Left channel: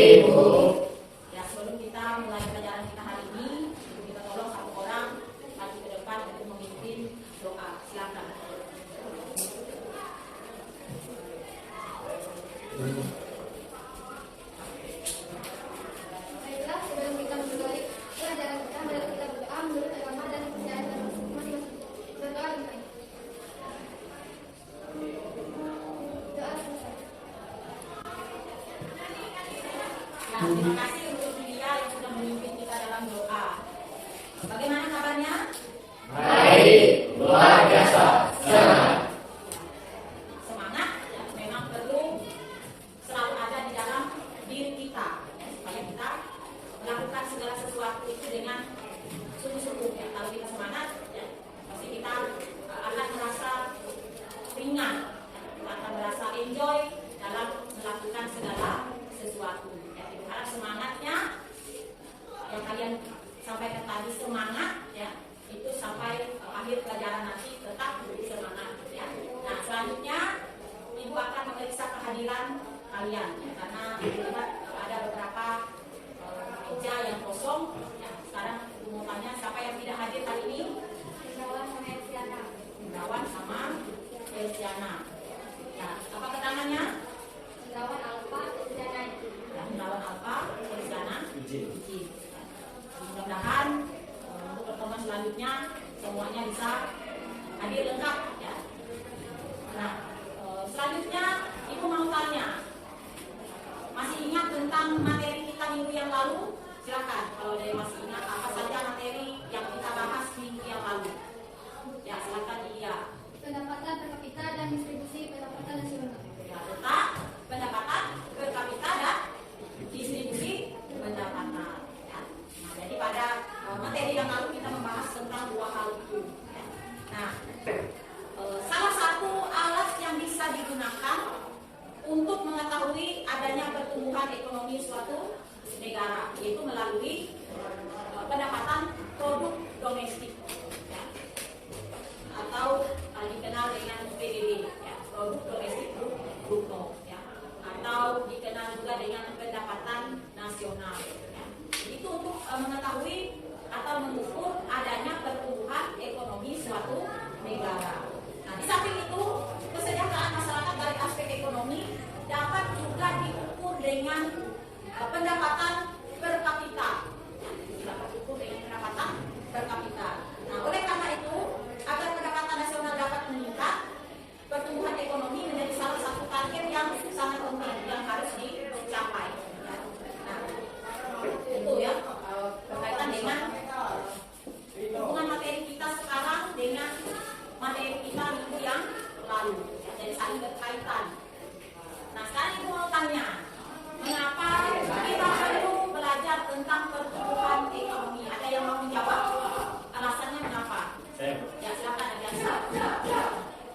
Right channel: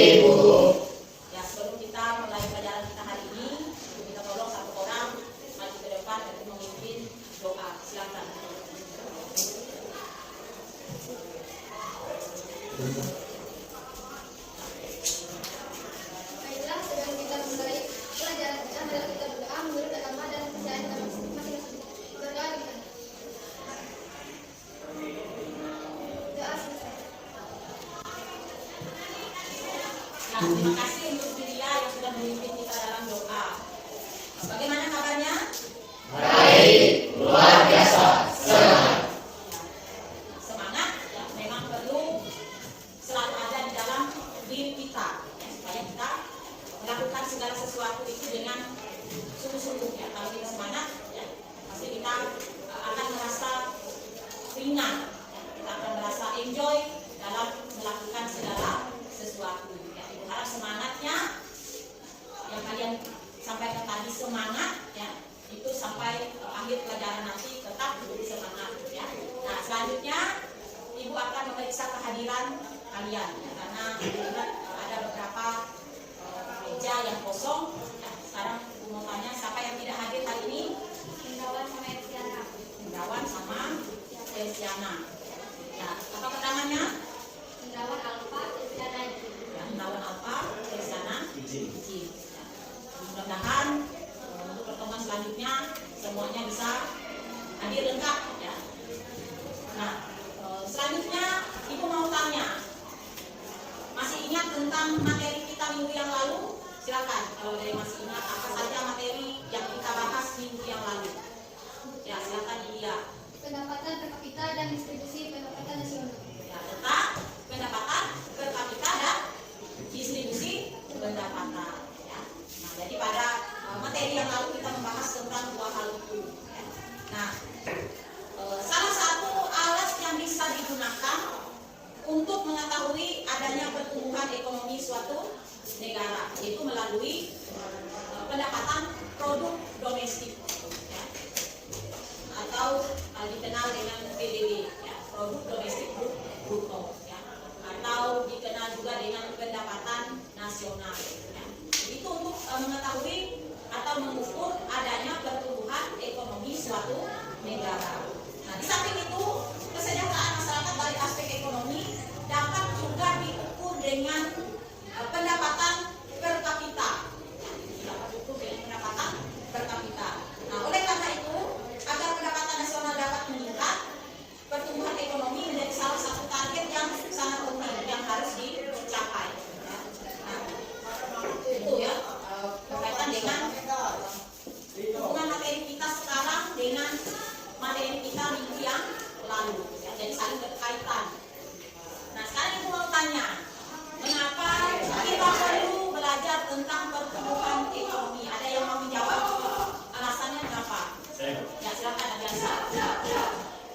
Ya, sebelum kita mulai pelajaran kita hari ini, kita tolong satu orang maju ke depan untuk memimpin doa. Silakan. Baiklah, sebelum kita memulai pelajaran kita, mari kita berdoa menurut agama dan kepercayaan kita masing-masing. Berdoa kita. Doa selesai. Ya, terima kasih untuk dia yang sudah memimpin kita dalam doa. Bagaimana kabarnya? Baik, luar biasa, semangat. Semangat ya, memang perlu selalu ada di dalam diri kita ya, supaya kita melakukan segala sesuatu itu dengan sungguh-sungguh ya. Kalau kita semangat ya, pasti kita akan merasa ringan ya. Kita akan merasa enjoy dalam melakukan segala sesuatu ya. Itu harap semangatnya yang kalian sampaikan tadi, semangat ya, itu sampai akhir pelajaran nanti tetap semangat ya. Nah, selanjutnya Ibu akan memeriksa kehadiran kalian ya, karena melihat ada beberapa meja yang kosong ya. Sekarang Ibu mau tanya siapa yang tidak hadir hari ini? Hendrawan sama Elsiana. Hendrawan sama Elsiana ya. Apa keterangannya? Hendrawan Alfa, Elsiana. Ya, Hendrawan Alfa, Elsiana izin ya. Mudah-mudahan untuk pertemuan selanjutnya semuanya bisa hadir lengkap ya. Nah, selanjutnya Ibu mau tanya, masih ingat tentang materi kita minggu yang lalu? Silakan kalau dia masih ingat apa saja materi yang kita bahas minggu yang lalu. Ya, silakan dia. Pendapatan per kapita dan distribusi pendapatan nasional. Ya, letak pendapatan per kapita dan distribusi pendapatan ya. Nah, jadi pada materi yang lalu kita membahas tentang dua hal itu ya. Nah, salah satu alat yang bisa digunakan untuk mengetahui adanya pertumbuhan ekonomi suatu negara yaitu melalui pendapatan produk domestik ya. Atau dikenal dengan PDB ya, produk domestik bruto ya. Atau dikenal juga dengan pendapatan nasional ya. Itu untuk mengetahui atau mengukur adanya pertumbuhan ekonomi suatu negara. Nah, di samping itu kesejahteraan masyarakat dari aspek ekonomi dapat juga diukur dengan pendapatan per kapita. Dapat diukur dengan pendapatan per kapita. Nah, oleh karena itu, agar pendapatan nasional dapat meningkat, pertumbuhan ekonomi menjadi salah satu target yang sangat penting yang harus dicapai. Nah, itu ya berkaitan dengan hubungan materi kita sekarang dengan materi kita minggu yang lalu ya, jadi saling berkaitan. Nah, sekarang Ibu mau tanya, mengapa kita perlu belajar tentang pertumbuhan ekonomi? Ada yang mau menjawab? Alasannya kenapa? Ya, silakan Adiansa.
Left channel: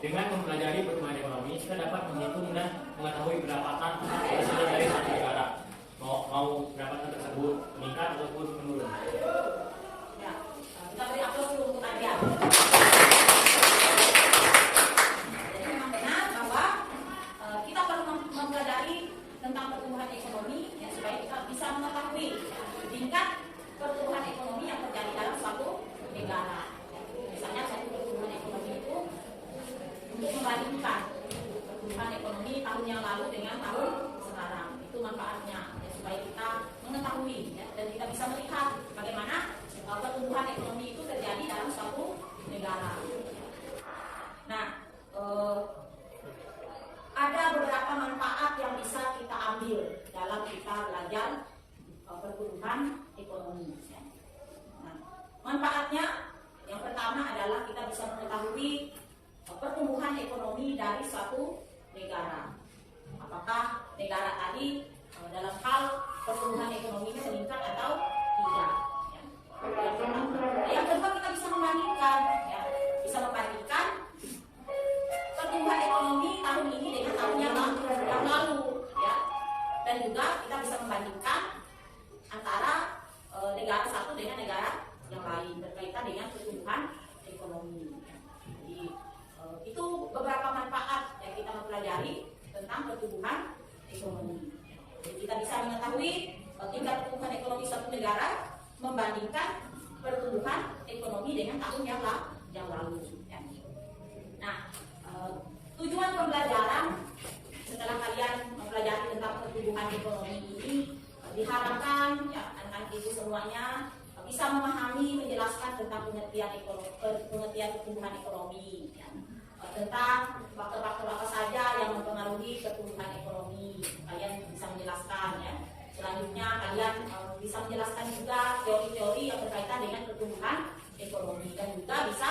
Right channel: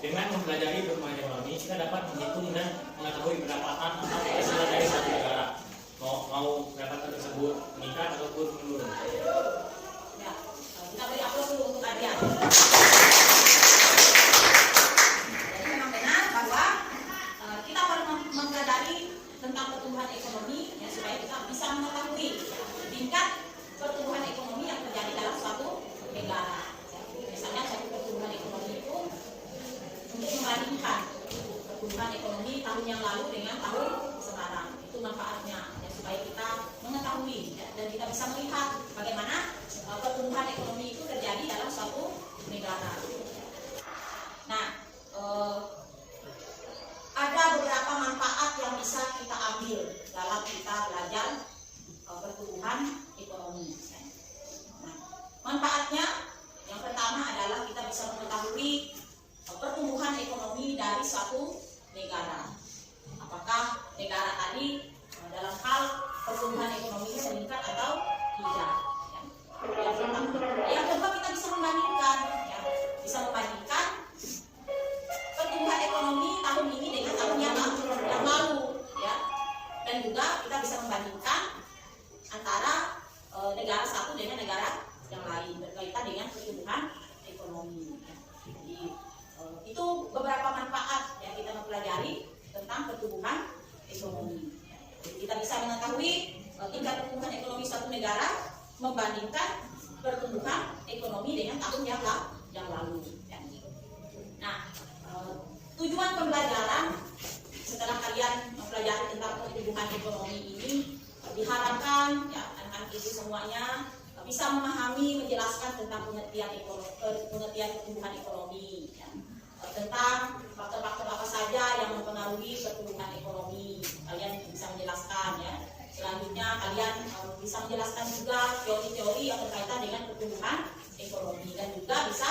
Dengan mempelajari pertumbuhan ekonomi, kita dapat menghitung dan mengetahui pendapatan hasil dari satu negara. Mau pendapatan tersebut meningkat ataupun menurun. Ya, kita beri aplaus dulu untuk Adian. Jadi memang benar bahwa kita perlu mempelajari tentang pertumbuhan ekonomi ya, supaya kita bisa mengetahui tingkat pertumbuhan ekonomi yang terjadi dalam suatu negara. Ya, misalnya suatu pertumbuhan ekonomi itu untuk membandingkan pertumbuhan ekonomi tahun yang lalu dengan tahun sekarang, itu manfaatnya ya, supaya kita mengetahui ya, dan kita bisa melihat bagaimana pertumbuhan ekonomi itu terjadi dalam suatu negara. Nah, ada beberapa manfaat yang bisa kita ambil dalam kita belajar pertumbuhan ekonomi. Nah, manfaatnya yang pertama adalah kita bisa mengetahui pertumbuhan ekonomi dari suatu negara. Apakah negara tadi dalam hal pertumbuhan ekonominya meningkat atau tidak? Ya. Yang kedua kita bisa membandingkan, ya. Bisa membandingkan pertumbuhan ekonomi tahun ini dengan tahun yang lalu, ya. Dan juga kita bisa membandingkan antara negara satu dengan negara yang lain berkaitan dengan pertumbuhan ekonomi. Ya. Jadi itu beberapa manfaat yang kita mempelajari tentang pertumbuhan ekonomi. Jadi kita bisa mengetahui tingkat pertumbuhan ekonomi suatu negara membandingkan pertumbuhan ekonomi dengan tahun yang lalu. Ya. Nah, tujuan pembelajaran setelah kalian mempelajari tentang pertumbuhan ekonomi ini diharapkan ya anak-anak ibu semuanya bisa memahami, menjelaskan tentang pengertian pertumbuhan ekonomi, ya. Tentang faktor-faktor apa saja yang mempengaruhi pertumbuhan ekonomi. Kalian bisa menjelaskan ya. Selanjutnya kalian bisa menjelaskan juga teori-teori yang berkaitan dengan pertumbuhan ekonomi dan juga bisa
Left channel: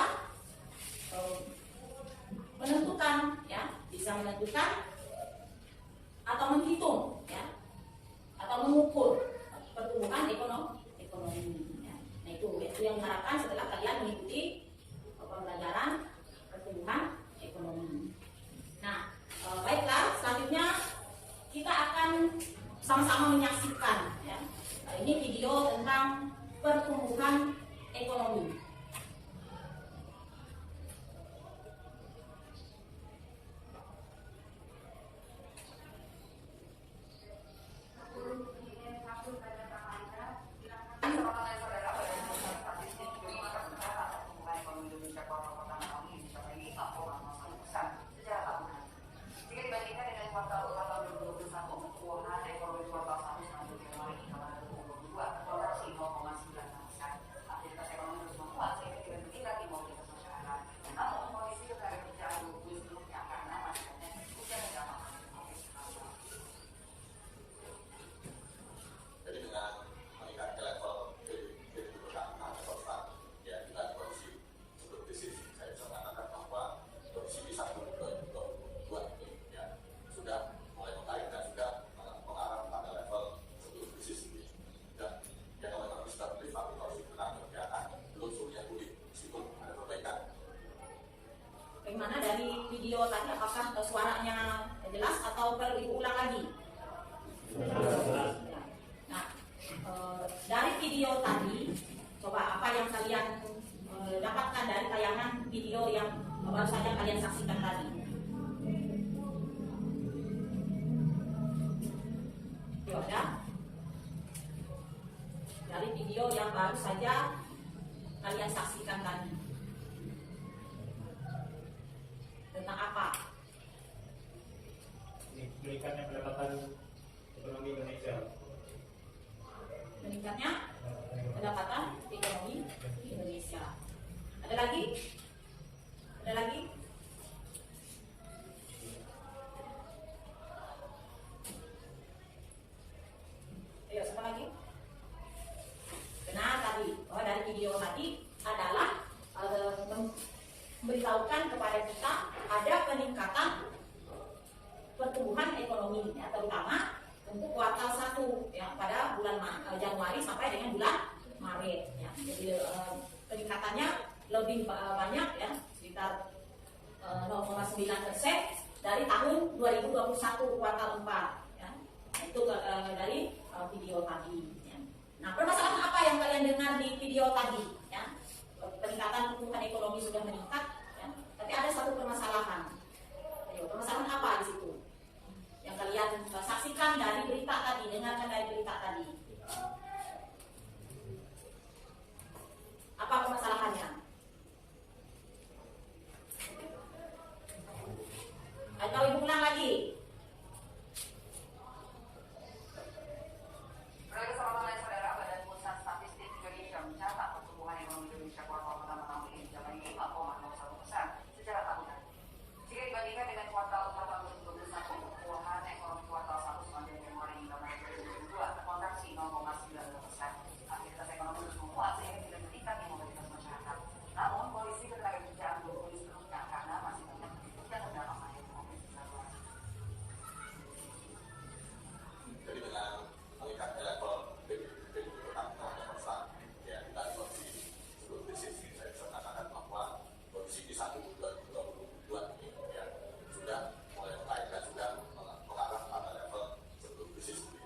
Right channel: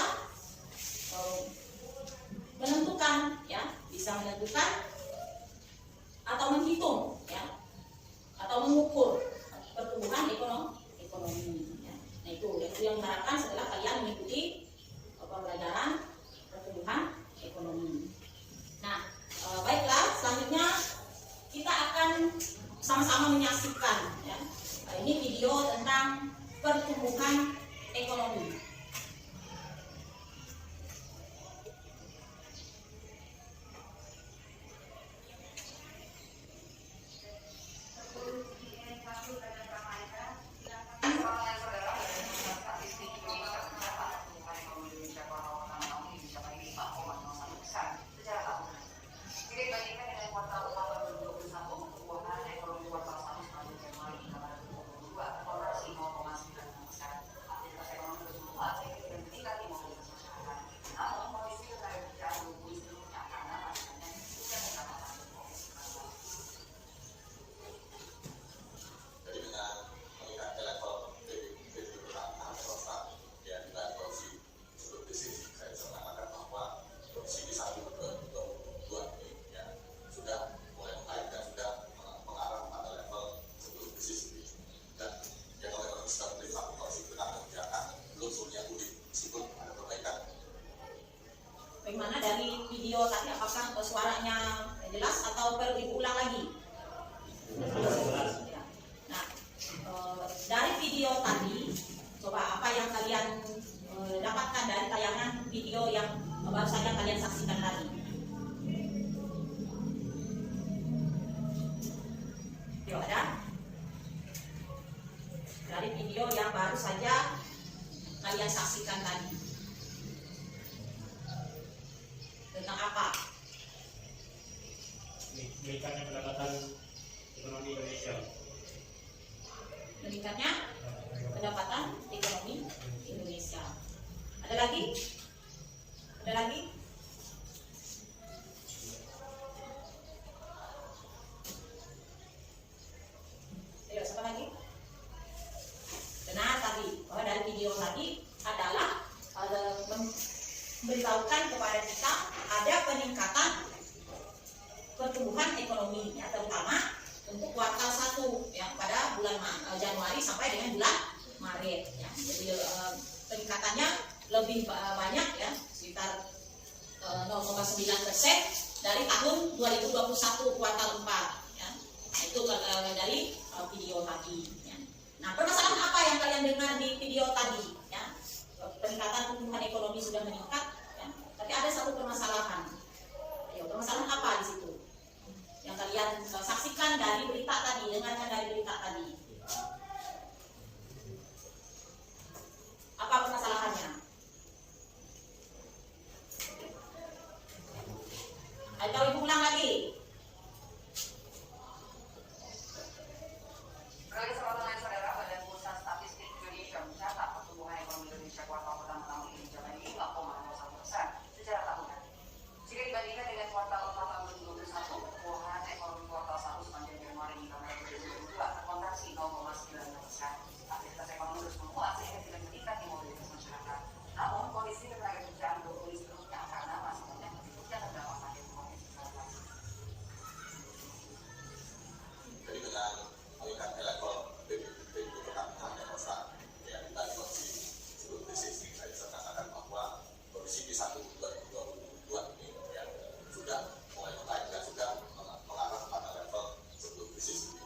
menentukan ya, bisa menentukan atau menghitung ya atau mengukur pertumbuhan ekonomi ya. Nah itu yang diharapkan setelah kalian mengikuti pembelajaran pertumbuhan ekonomi. Nah baiklah, selanjutnya kita akan sama-sama menyaksikan ya. Ini video tentang pertumbuhan ekonomi. Bagaimana dari video tadi, apakah suaranya jelas atau perlu diulang lagi? Ya. Nah, dari video tadi, coba apa yang kalian dapatkan dari tayangan video yang baru saja kalian saksikan tadi? Yuk, ada? Dari video yang baru saja kalian saksikan tadi. Tentang apa? Meningkatnya pendapatan ekonomi Indonesia. Meningkatnya pendapatan ekonomi Indonesia. Ada lagi? Ada lagi? Ayo, siapa lagi? Benar tadi. Oh, dari video tadi adalah memberitahukan kepada kita ada peningkatan pertumbuhan ekonomi ya, terutama untuk kuartal 1 ya, pada bulan Januari sampai dengan bulan Maret ya. Jadi peningkatannya lebih banyak ya, sekitar 0,9% dari tahun 2021 kuartal 4 ya. Nah, itu dari video tadi ya. Nah, permasalahan apa yang kalian dengar di video tadi ya? Peningkatan pertumbuhan ekonomi sudah meningkat ya. Tapi ada satu permasalahan. Ayo, permasalahan apa di situ? Yang kalian saksikan dari berita tadi, dengarkan dari berita tadi. Apa permasalahannya? Atau ibu ulang lagi? Badan Pusat Statistik Indonesia mencatat pertumbuhan ekonomi Indonesia kuartal pertama tahun ini mencapai 5,01% secara tahunan. Jika dibandingkan dengan kuartal 4 tahun 2021, pertumbuhan ekonomi kuartal 1 sepanjang Januari hingga Maret 2022 terkontraksi 0,9%. Aktivitas ekonomi terus menguat sehingga tidak meningkatnya mobilitas masyarakat. Namun, kondisi ketenagakerjaan belum pulih sepenuhnya karena masih banyak penduduk yang terdampak pandemi COVID-19. Jadi dengan meningkatnya level PDB per kapita yang besar, ya kita di kondisi sebelum krisis saya bisa mengatakan bahwa kondisi di 2022 ini ya sudah mulai membaik dan sudah mengarah pada level sebelum krisis ini.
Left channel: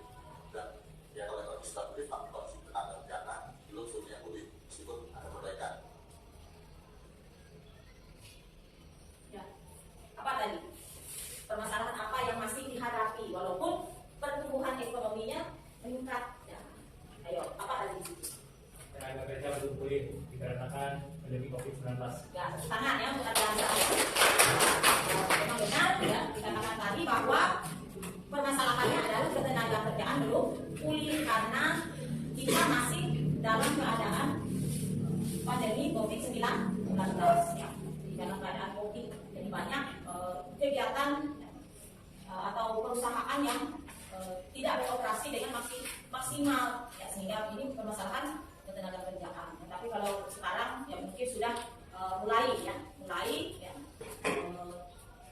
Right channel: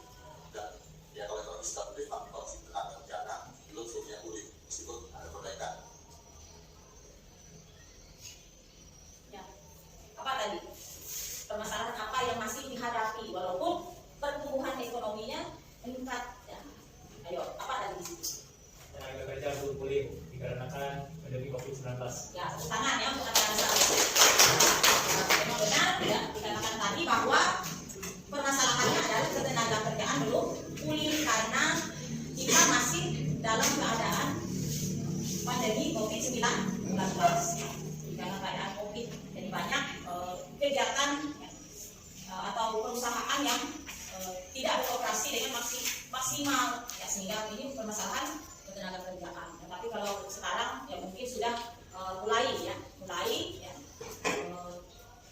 Dan ya kalau ekonomi sudah pulih, tapi kondisi tenaga kerja belum seluruhnya pulih meskipun ada perbaikan. Ya. Apa tadi? Permasalahan apa yang masih dihadapi walaupun pertumbuhan ekonominya meningkat. Ya. Ayo, apa tadi? Tenaga kerja belum pulih dikarenakan pandemi COVID-19. Ya, tepuk tangan ya untuk acara saya. Memang benar ya dikatakan tadi bahwa permasalahannya adalah ketenaga kerjaan belum pulih karena kita masih dalam keadaan pandemi COVID-19 ya. Di dalam keadaan COVID, jadi banyak kegiatan atau perusahaan yang tidak beroperasi dengan maksimal ya, sehingga ini permasalahan ketenaga kerjaan. Tapi kalau sekarang ya mungkin sudah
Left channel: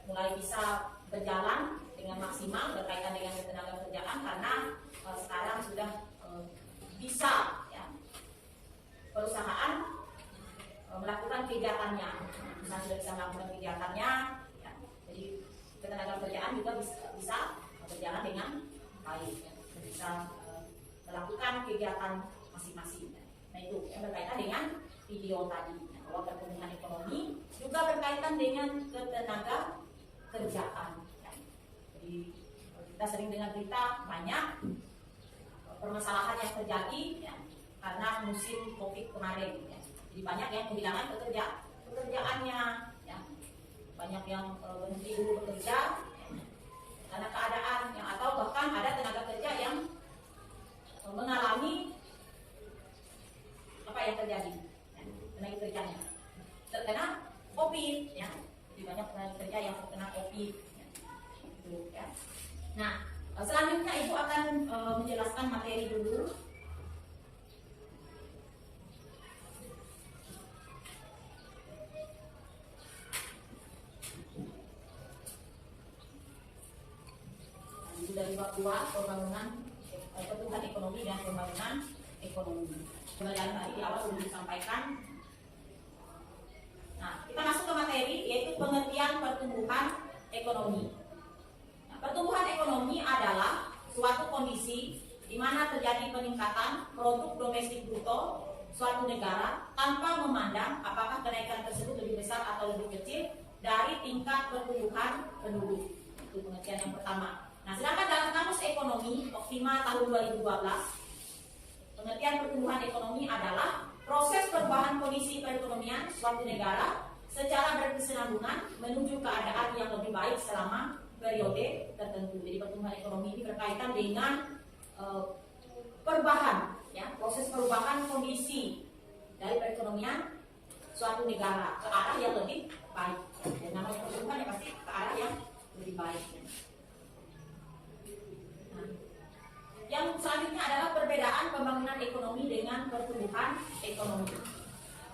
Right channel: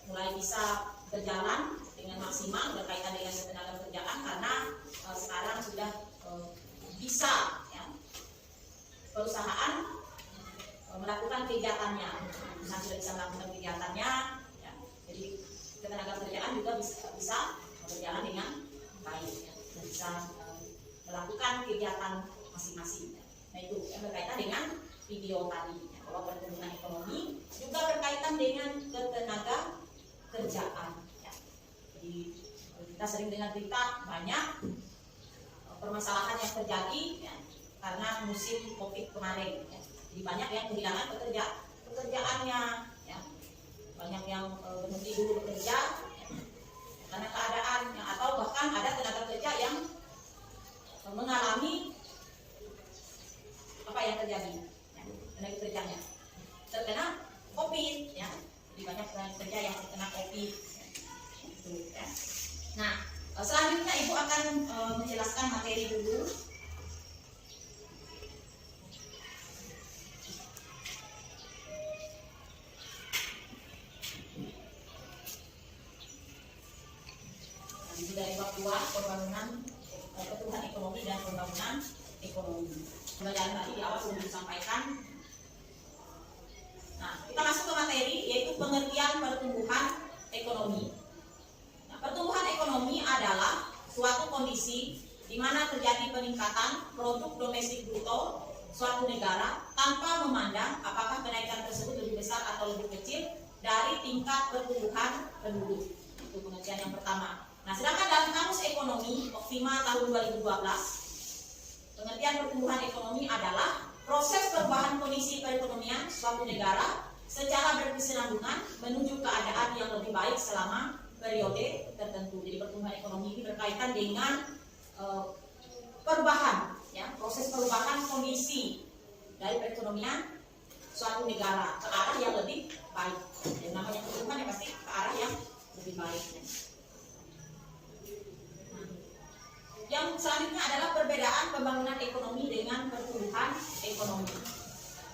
mulai bisa berjalan dengan maksimal berkaitan dengan ketenaga kerjaan karena sekarang sudah bisa ya, perusahaan melakukan kegiatannya, perusahaan sudah bisa melakukan kegiatannya ya. Jadi ketenaga kerjaan juga bisa berjalan dengan baik ya. Bisa melakukan kegiatan masing-masing ya. Nah itu yang berkaitan dengan video tadi ya, bahwa pertumbuhan ekonomi juga berkaitan dengan ketenaga kerjaan ya. Jadi kita sering dengar berita banyak permasalahan yang terjadi ya, karena musim COVID kemarin ya. Jadi banyak yang kehilangan pekerjaannya ya. Banyak yang berhenti dulu bekerja ya, karena keadaan ya, atau bahkan ada tenaga kerja yang mengalami apa yang terjadi ya, tenaga kerjanya terkena COVID ya. Jadi banyak tenaga kerja yang terkena COVID ya. Itu, ya. Nah selanjutnya Ibu akan menjelaskan materi dulu. Itu dari bab 2 pembangunan pertumbuhan ekonomi dan pembangunan ekonomi. Kembali tadi di awal sudah disampaikan. Nah, kita masuk ke materi yaitu pengertian pertumbuhan ekonomi. Nah, pertumbuhan ekonomi adalah suatu kondisi di mana terjadi peningkatan produk domestik bruto suatu negara tanpa memandang apakah kenaikan tersebut lebih besar atau lebih kecil dari tingkat pertumbuhan penduduk. Itu pengertian yang pertama. Nah, sedangkan dalam Kamus Ekonomi Optima tahun 2012, pengertian pertumbuhan ekonomi adalah proses perubahan kondisi perekonomian suatu negara secara berkesinambungan menuju keadaan yang lebih baik selama periode tertentu. Jadi pertumbuhan ekonomi ini berkaitan dengan perubahan, ya, proses perubahan kondisi dari perekonomian suatu negara ke arah yang lebih baik. Dan namanya pertumbuhan ya pasti ke arah yang lebih baik. Nah, yang selanjutnya adalah perbedaan pembangunan ekonomi dengan pertumbuhan ekonomi.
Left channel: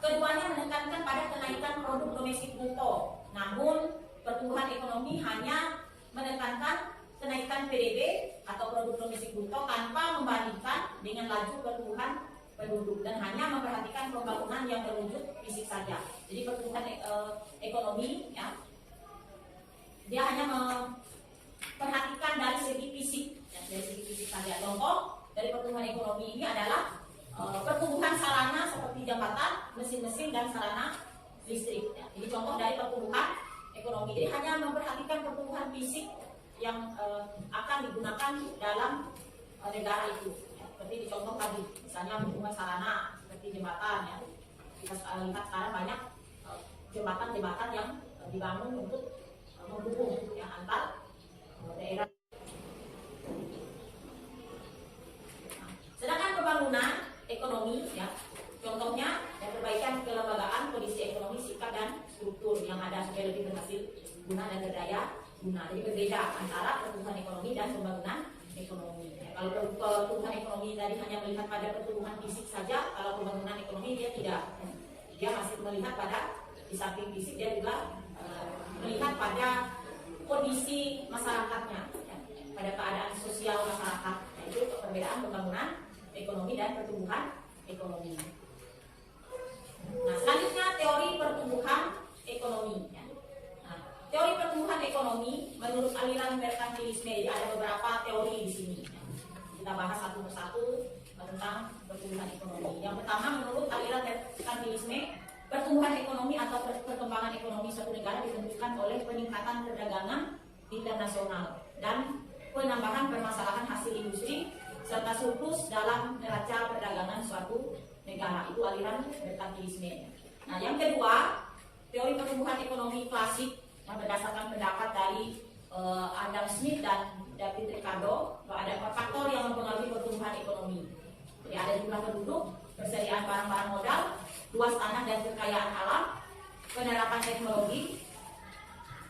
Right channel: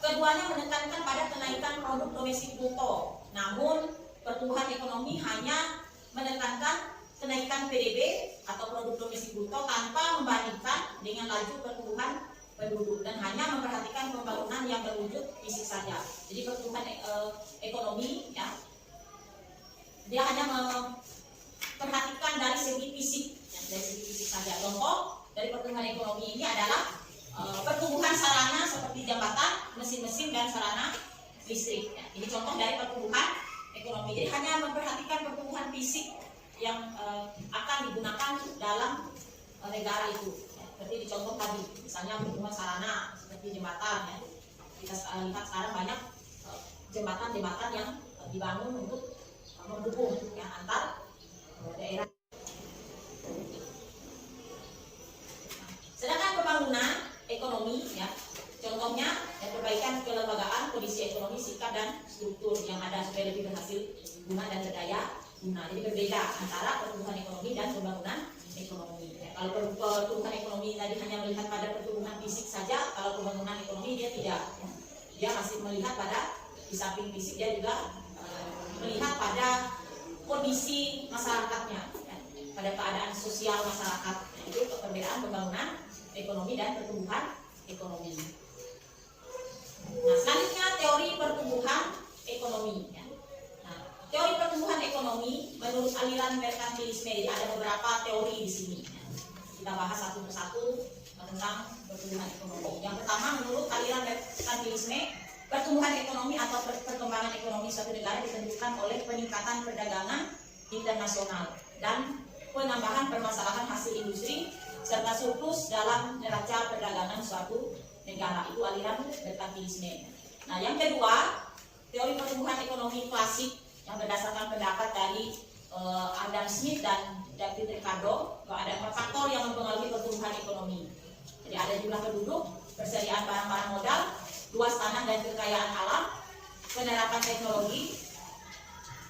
Keduanya menekankan pada kenaikan produk domestik bruto, namun pertumbuhan ekonomi hanya menekankan kenaikan PDB atau produk domestik bruto tanpa membandingkan dengan laju pertumbuhan penduduk dan hanya memperhatikan pembangunan yang berwujud fisik saja. Jadi pertumbuhan ekonomi ya, dia hanya memperhatikan dari segi fisik, ya, dari segi fisik saja. Contoh dari pertumbuhan ekonomi ini adalah pertumbuhan sarana seperti jembatan, mesin-mesin dan sarana listrik. Ya. Ini contoh dari pertumbuhan ekonomi. Jadi hanya memperhatikan pertumbuhan fisik yang akan digunakan dalam negara itu. Ya. Seperti di contoh tadi, misalnya pertumbuhan sarana seperti jembatan. Ya. Kita lihat sekarang banyak jembatan-jembatan yang dibangun untuk menghubung ya, antar daerah. Sedangkan pembangunan ekonomi ya, contohnya ya, perbaikan kelembagaan, kondisi ekonomi, sikap dan struktur yang ada supaya lebih berhasil guna dan berdaya guna. Jadi berbeda antara pertumbuhan ekonomi dan pembangunan ekonomi. Ya, kalau pertumbuhan ekonomi tadi hanya melihat pada pertumbuhan fisik saja, kalau pembangunan ekonomi dia tidak. Ya. Dia masih melihat pada di samping fisik dia juga melihat pada kondisi masyarakatnya, ya, pada keadaan sosial masyarakat. Nah, itu perbedaan pembangunan ekonomi dan pertumbuhan ekonomi. Nah, selanjutnya teori pertumbuhan ekonomi. Ya. Nah, teori pertumbuhan ekonomi menurut aliran merkantilisme. Jadi ada beberapa teori di sini. Ya. Kita bahas satu persatu tentang pertumbuhan ekonomi. Yang pertama menurut aliran merkantilisme, pertumbuhan ekonomi atau perkembangan ekonomi suatu negara ditentukan oleh peningkatan perdagangan internasional dan penambahan permasalahan hasil industri serta surplus dalam neraca perdagangan suatu negara. Itu aliran merkantilisme. Nah, yang kedua, teori pertumbuhan ekonomi klasik yang berdasarkan pendapat dari Adam Smith dan David Ricardo. Ada 4 faktor yang mempengaruhi pertumbuhan ekonomi. Jadi ada jumlah penduduk, persediaan barang-barang modal, luas tanah dan kekayaan alam, penerapan teknologi.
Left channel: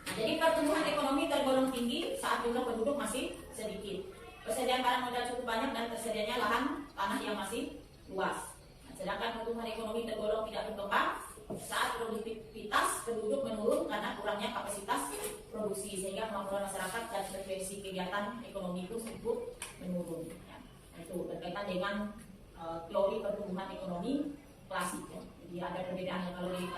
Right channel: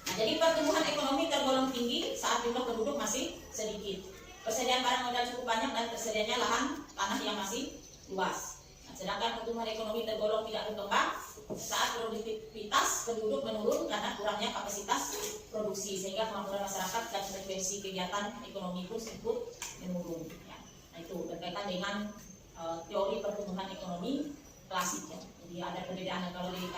Nah, jadi pertumbuhan ekonomi tergolong tinggi saat jumlah penduduk masih sedikit. Persediaan barang modal cukup banyak dan tersedianya lahan tanah yang masih luas. Nah, sedangkan pertumbuhan ekonomi tergolong tidak berkembang saat produktivitas penduduk menurun karena kurangnya kapasitas produksi, sehingga kemampuan masyarakat dan frekuensi kegiatan ekonomi pun ikut menurun. Nah, itu berkaitan dengan teori pertumbuhan ekonomi klasik. Ya. Jadi ada perbedaan kalau di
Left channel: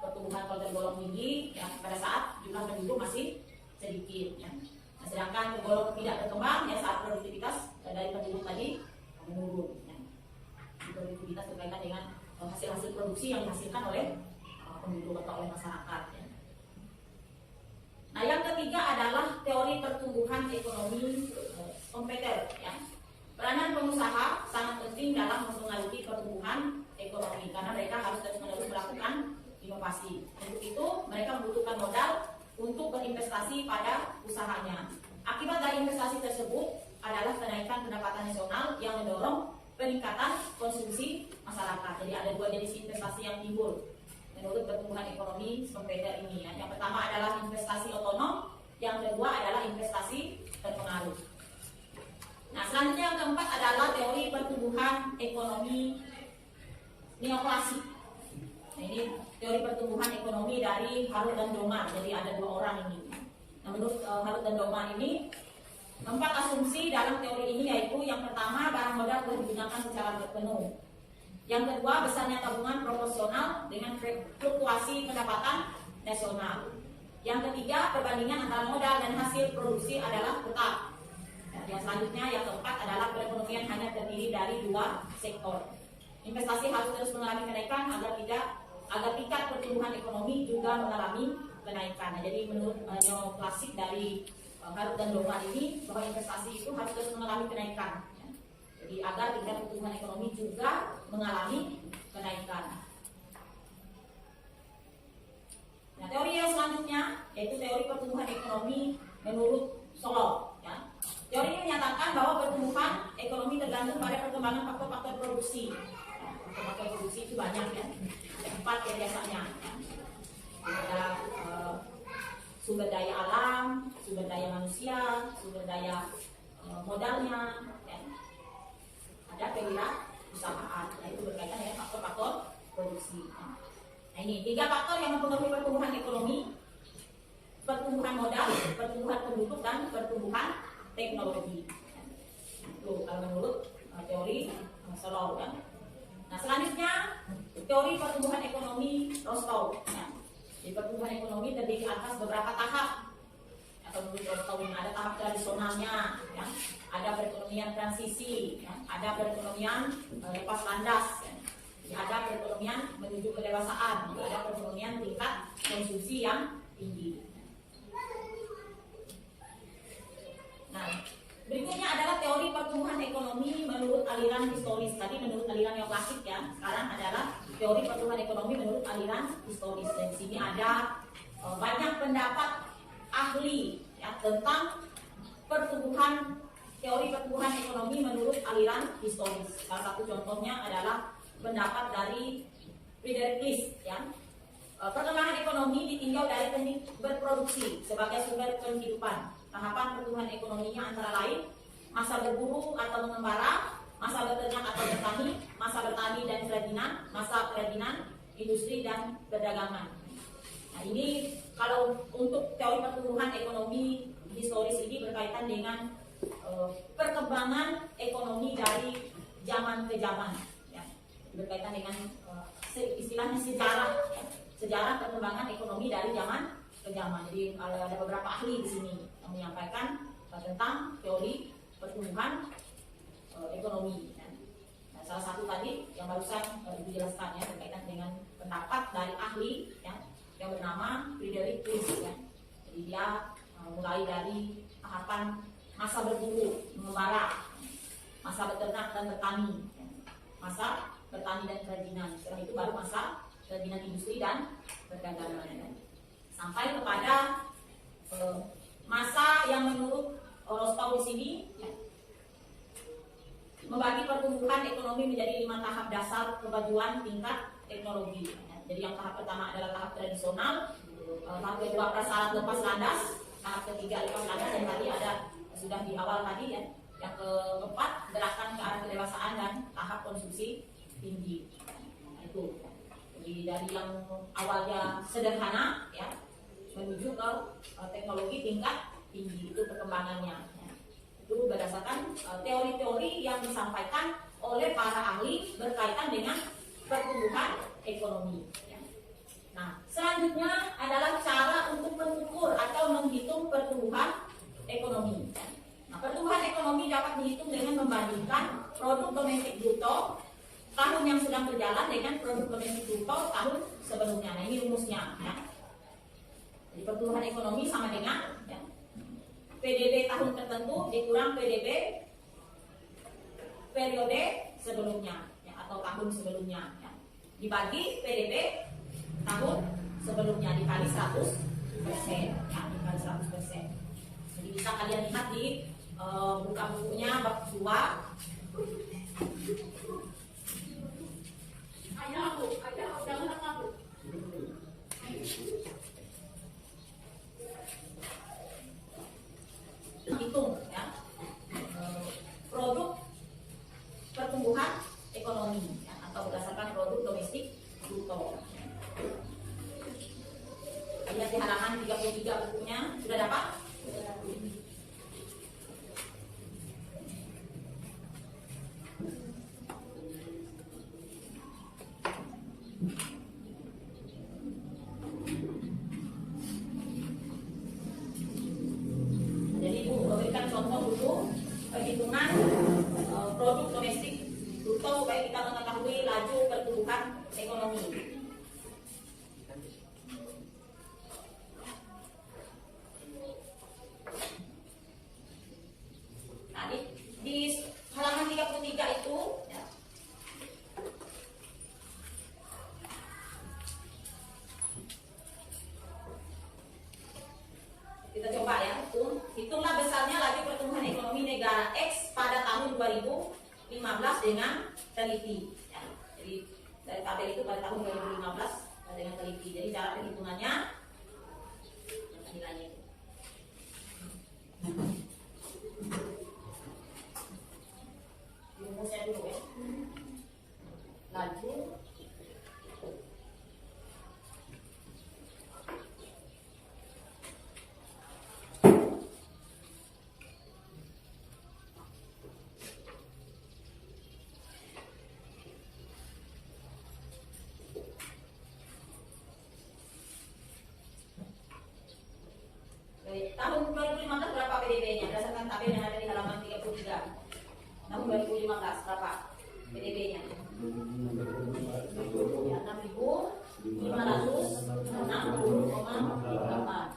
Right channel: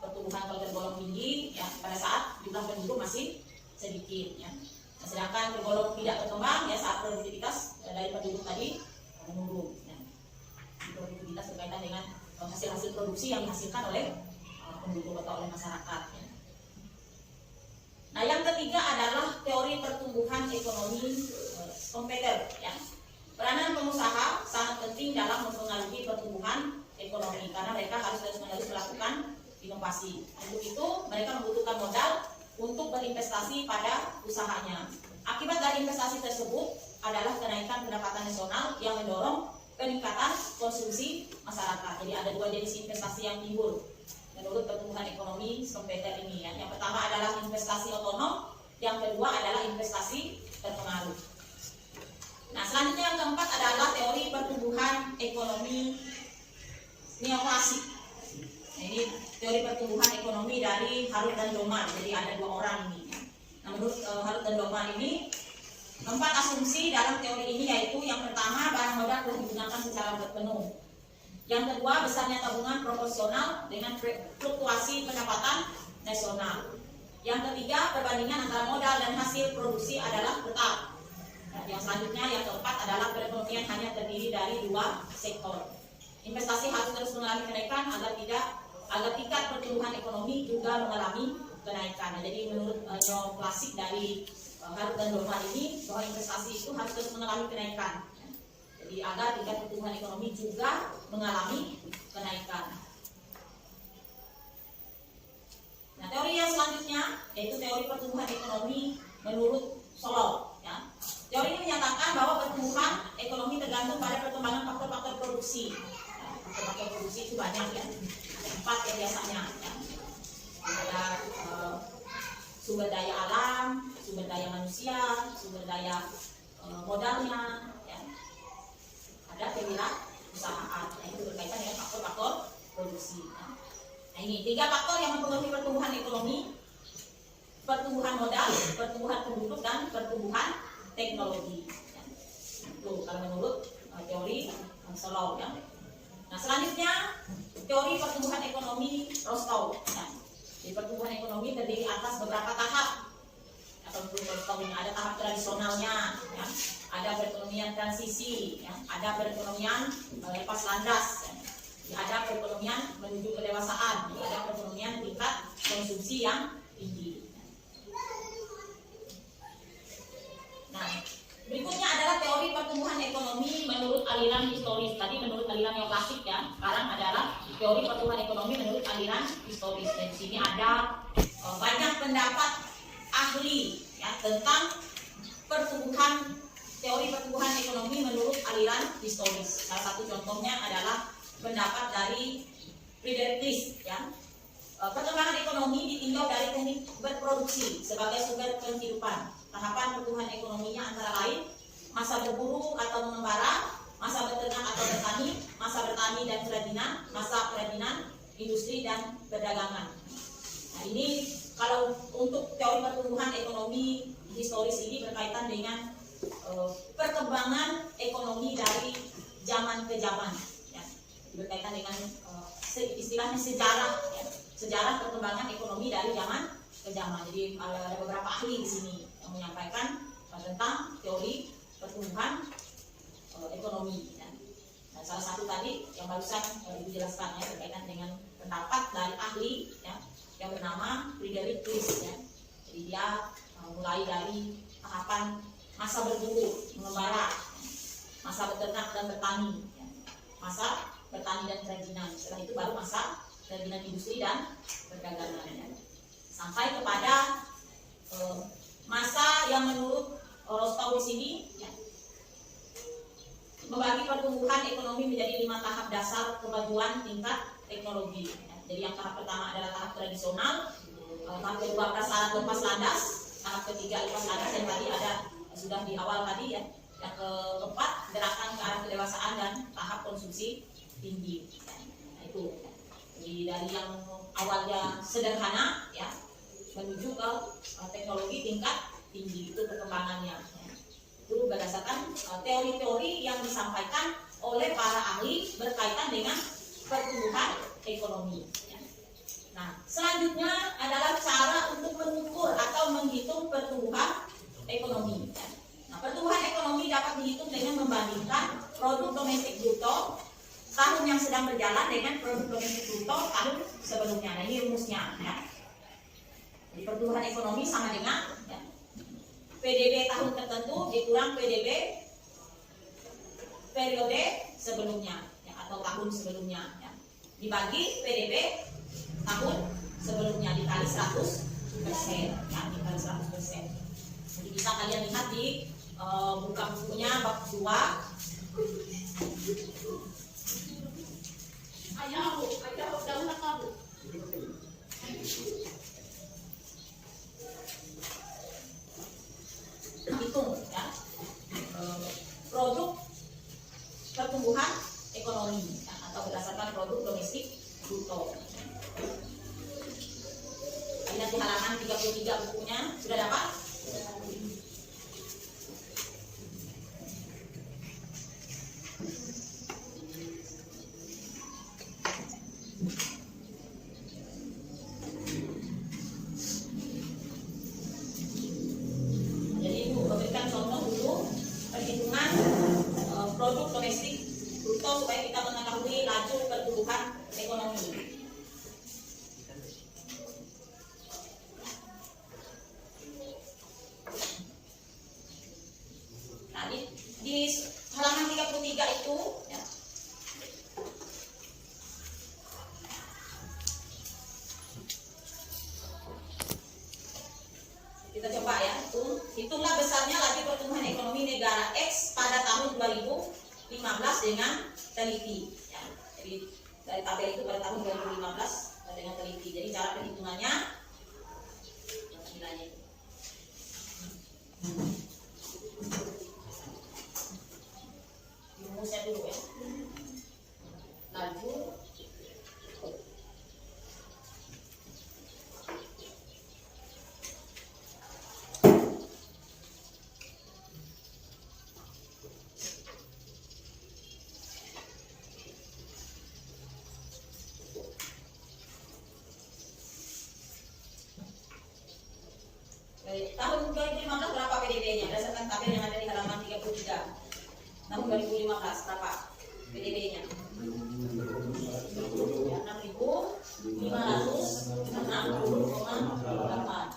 pertumbuhan kalau tergolong tinggi ya, pada saat jumlah penduduk masih sedikit. Ya. Nah, sedangkan tergolong tidak berkembang ya saat produktivitas dari penduduk tadi menurun. Ya. Produktivitas berkaitan dengan hasil-hasil produksi yang dihasilkan oleh penduduk atau oleh masyarakat. Ya. Nah, yang ketiga adalah teori pertumbuhan ekonomi kompetitor. Ya. Peranan pengusaha sangat penting dalam mempengaruhi pertumbuhan ekonomi karena mereka harus terus-menerus melakukan inovasi. Untuk itu, mereka membutuhkan modal untuk berinvestasi pada usahanya. Akibat dari investasi tersebut adalah kenaikan pendapatan nasional yang mendorong peningkatan konsumsi masyarakat. Jadi ada 2 jenis investasi yang timbul menurut pertumbuhan ekonomi kompetitor ini. Ya. Yang pertama adalah investasi otonom, yang kedua adalah investasi terpengaruh. Nah, selanjutnya yang keempat adalah teori pertumbuhan ekonomi neoklasik. Nah, ini teori pertumbuhan ekonomi dari Harut dan Doman. Jadi ada 2 orang ini. Nah, menurut Harut dan Doman ini 4 asumsi dalam teori ini, yaitu yang pertama, barang modal telah digunakan secara berpenuh. Yang kedua, besarnya tabungan proporsional dengan fluktuasi pendapatan nasional. Yang ketiga, perbandingan antara modal dan hasil produksi adalah tetap. Nah, yang selanjutnya, yang keempat adalah perekonomian hanya terdiri dari 2 sektor. Investasi harus terus mengalami kenaikan agar tingkat pertumbuhan ekonomi juga mengalami kenaikan. Nah, jadi menurut neoklasik dari Harut dan Doman ini, bahwa investasi itu harus terus mengalami kenaikan. Jadi agar tingkat pertumbuhan ekonomi juga mengalami kenaikan. Nah, teori yang selanjutnya yaitu teori pertumbuhan ekonomi menurut Solow. Ya. Teori ini menyatakan bahwa pertumbuhan ekonomi tergantung pada perkembangan faktor-faktor produksi. Nah, faktor-faktor produksi itu banyak ya, ada 4 ya biasanya. Ya. Ada sumber daya alam, sumber daya manusia, sumber daya modalnya, ya. Ada kewirausahaan, itu berkaitan dengan faktor-faktor produksi. Ya. Nah, ini 3 faktor yang mempengaruhi pertumbuhan ekonomi: pertumbuhan modal, pertumbuhan penduduk, dan pertumbuhan teknologi. Ya. Itu kalau menurut teori Solow. Ya. Nah, selanjutnya teori pertumbuhan ekonomi Rostow. Ya. Di pertumbuhan ekonomi terdiri atas beberapa tahap, atau menurut Rostow ini ada tahap tradisionalnya, ya. Ada perekonomian transisi, ya. Ada perekonomian lepas landas, ya. Ada perekonomian menuju kedewasaan, ya. Ada perekonomian tingkat konsumsi yang tinggi. Nah, berikutnya adalah teori pertumbuhan ekonomi menurut aliran historis. Tadi menurut aliran yang klasik ya. Sekarang adalah teori pertumbuhan ekonomi menurut aliran historis. Dan di sini ada banyak pendapat ahli ya tentang teori pertumbuhan ekonomi menurut aliran historis. Salah satu contohnya adalah pendapat dari Friedrich List ya. Perkembangan ekonomi ditinjau dari teknik berproduksi sebagai sumber penghidupan. Tahapan pertumbuhan ekonominya antara lain masa berburu atau mengembara, masa beternak atau bertani, masa bertani dan kerajinan, masa kerajinan, industri dan perdagangan. Nah, ini kalau untuk teori pertumbuhan ekonomi historis ini berkaitan dengan perkembangan ekonomi dari zaman ke zaman, ya. Berkaitan dengan istilahnya sejarah, ya. Sejarah perkembangan ekonomi dari zaman ke zaman. Jadi ada beberapa ahli di sini yang menyampaikan tentang teori pertumbuhan ekonomi. Nah, salah satu tadi yang barusan Ibu jelaskan ya berkaitan dengan pendapat dari ahli ya, yang bernama Friedrich List ya. Jadi dia mulai dari tahapan masa berburu, mengembara, masa beternak dan bertani, ya. Masa bertani dan kerajinan. Setelah itu baru masa kerajinan industri dan perdagangan, ya. Sampai kepada masa yang menurut Rostov di sini, ya, membagi pertumbuhan ekonomi menjadi 5 tahap dasar kemajuan tingkat teknologi. Ya. Jadi yang tahap pertama adalah tahap tradisional, tahap kedua prasyarat lepas landas, tahap ketiga lepas landas yang tadi ada sudah di awal tadi, ya. Yang keempat gerakan ke arah kedewasaan dan tahap konsumsi tinggi. Nah, itu. Jadi dari yang awalnya sederhana, ya, menuju ke teknologi tingkat tinggi, itu perkembangannya, ya. Itu berdasarkan teori-teori yang disampaikan oleh para ahli berkaitan dengan pertumbuhan ekonomi, ya. Nah, selanjutnya adalah cara untuk mengukur atau menghitung pertumbuhan ekonomi, ya. Nah, pertumbuhan ekonomi dapat dihitung dengan membandingkan produk domestik bruto tahun yang sedang berjalan dengan produk domestik bruto tahun sebelumnya. Nah, ini rumusnya, ya. Jadi pertumbuhan ekonomi sama dengan, ya, PDB tahun tertentu dikurang PDB periode sebelumnya, ya, atau tahun sebelumnya, ya, dibagi PDB tahun sebelumnya dikali 100%, ya, dikali 100%. Jadi bisa kalian lihat di buka bukunya bab 2. Hitung, ya, produk pertumbuhan ekonomi, ya, atau berdasarkan produk domestik bruto. Lihat di halaman 33 bukunya, sudah dapat? Jadi Ibu memberikan contoh dulu perhitungan produk domestik bruto supaya kita mengetahui laju pertumbuhan ekonomi. Nah, di halaman 33 itu, ya, kita coba, ya, hitunglah besarnya laju pertumbuhan ekonomi negara X pada tahun 2015 dengan teliti, ya. Jadi dari tabel itu pada tahun 2015 dengan teliti. Jadi cara perhitungannya, nilainya itu. Rumusnya dulu, ya. Laju dari tahun 2015 berapa PDB-nya berdasarkan tabel yang ada di halaman 33. Tahun 2015 berapa PDB-nya? Ya, 6.560,8.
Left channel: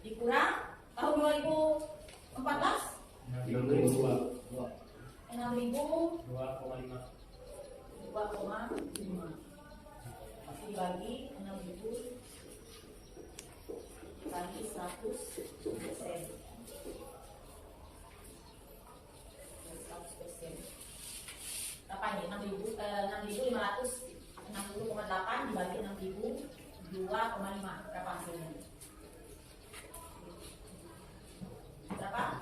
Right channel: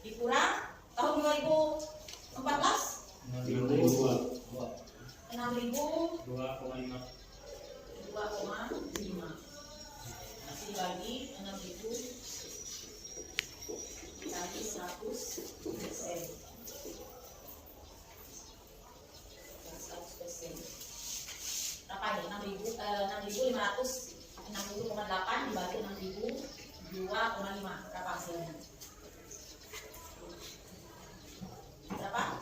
Dikurang tahun 2014 6.000 2,5 masih bagi 6.000 kali 100%. 100%. Berapa ini? 6.560,8 dibagi 6.000 2,5. Berapa hasilnya? Berapa?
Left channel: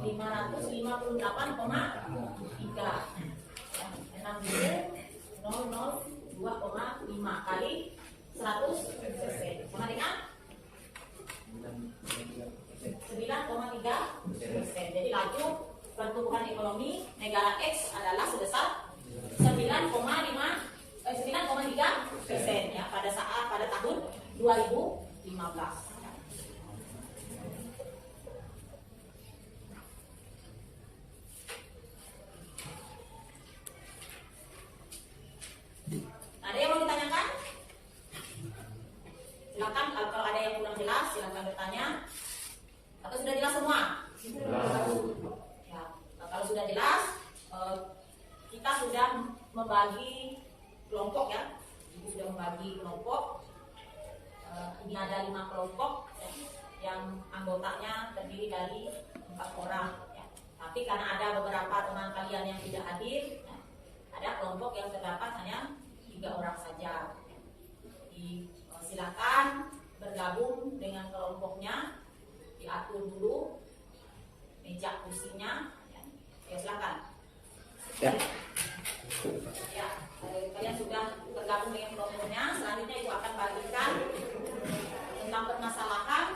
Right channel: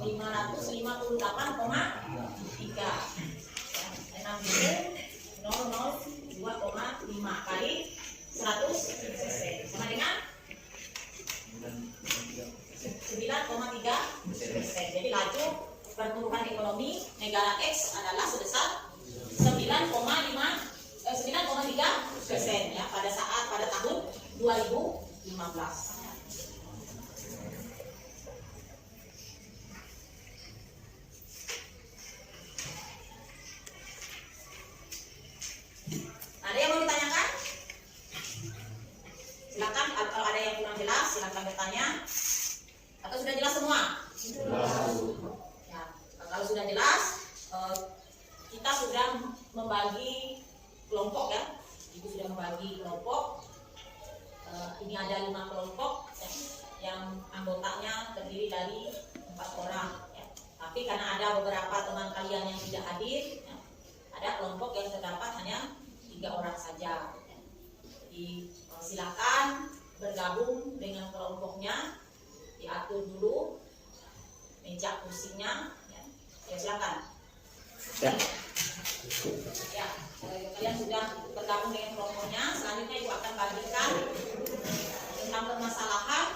558,3. 6.002,5 kali 100% sama dengan 9,3%. Jadi laju pertumbuhan ekonomi negara X adalah sebesar 9,3%, ya, pada tahun 2015. Ada yang mau ditanyakan? Silakan, kalau ada yang kurang jelas silakan bertanya. Atau sudah jelas semua? Ya. Kalau sudah jelas, kita sudah membagi kelompok ya. Ibu sudah membagi kelompok. Ini ada 5 kelompok ya, yang anggotanya terdiri dari 4 orang. Ya. Tapi karena ada beberapa teman kalian yang tidak hadir, ya, ada kelompok yang terdapat hanya 3 orang saja. Ya. Jadi silakan bergabung dengan kelompoknya, diatur dulu meja kursinya. Ya, silakan. Ya. Ya, kalian sudah bergabung dengan kelompoknya. Selanjutnya Ibu akan bagikan tentang permasalahan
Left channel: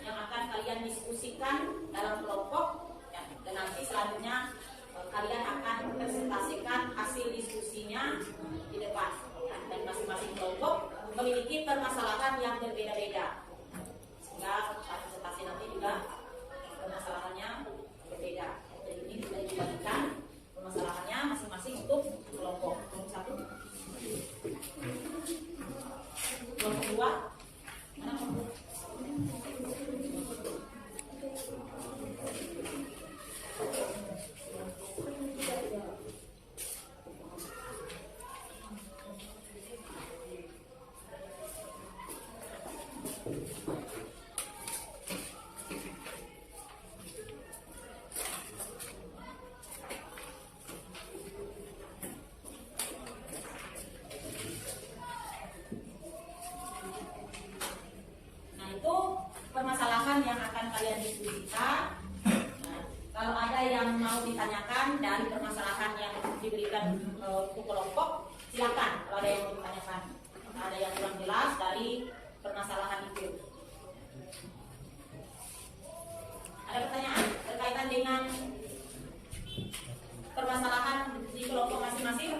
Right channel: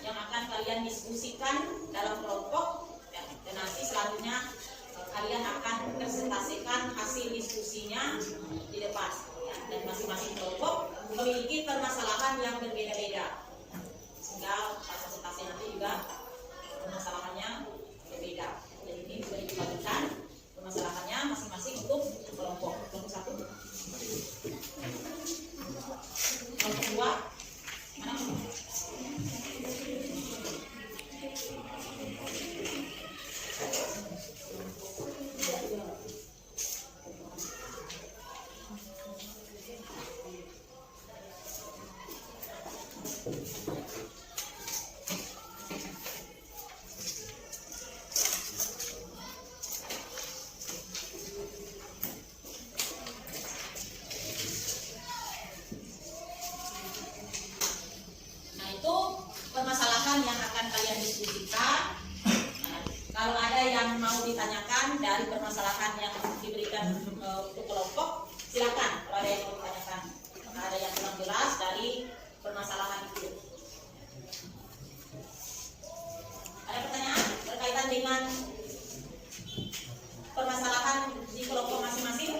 yang akan kalian diskusikan dalam kelompok, dan nanti selanjutnya kalian akan presentasikan hasil diskusinya di depan. Ya, dan masing-masing kelompok memiliki permasalahan yang berbeda-beda, sehingga presentasi nanti juga permasalahannya berbeda. Jadi ini sudah dibagikan permasalahannya masing-masing untuk kelompok. Kelompok 1, kelompok 2, mana kelompok? Nah, itu permasalahan yang akan kalian diskusikan. Nah, kalau ada yang mau ditanyakan dari permasalahan yang diberikan untuk kelompok, silakan. Kalau ada yang mau ditanyakan, maka ada yang kurang jelas dari permasalahan itu. Ada pertanyaan berkaitan dengan permasalahan di kelompok masing-masing?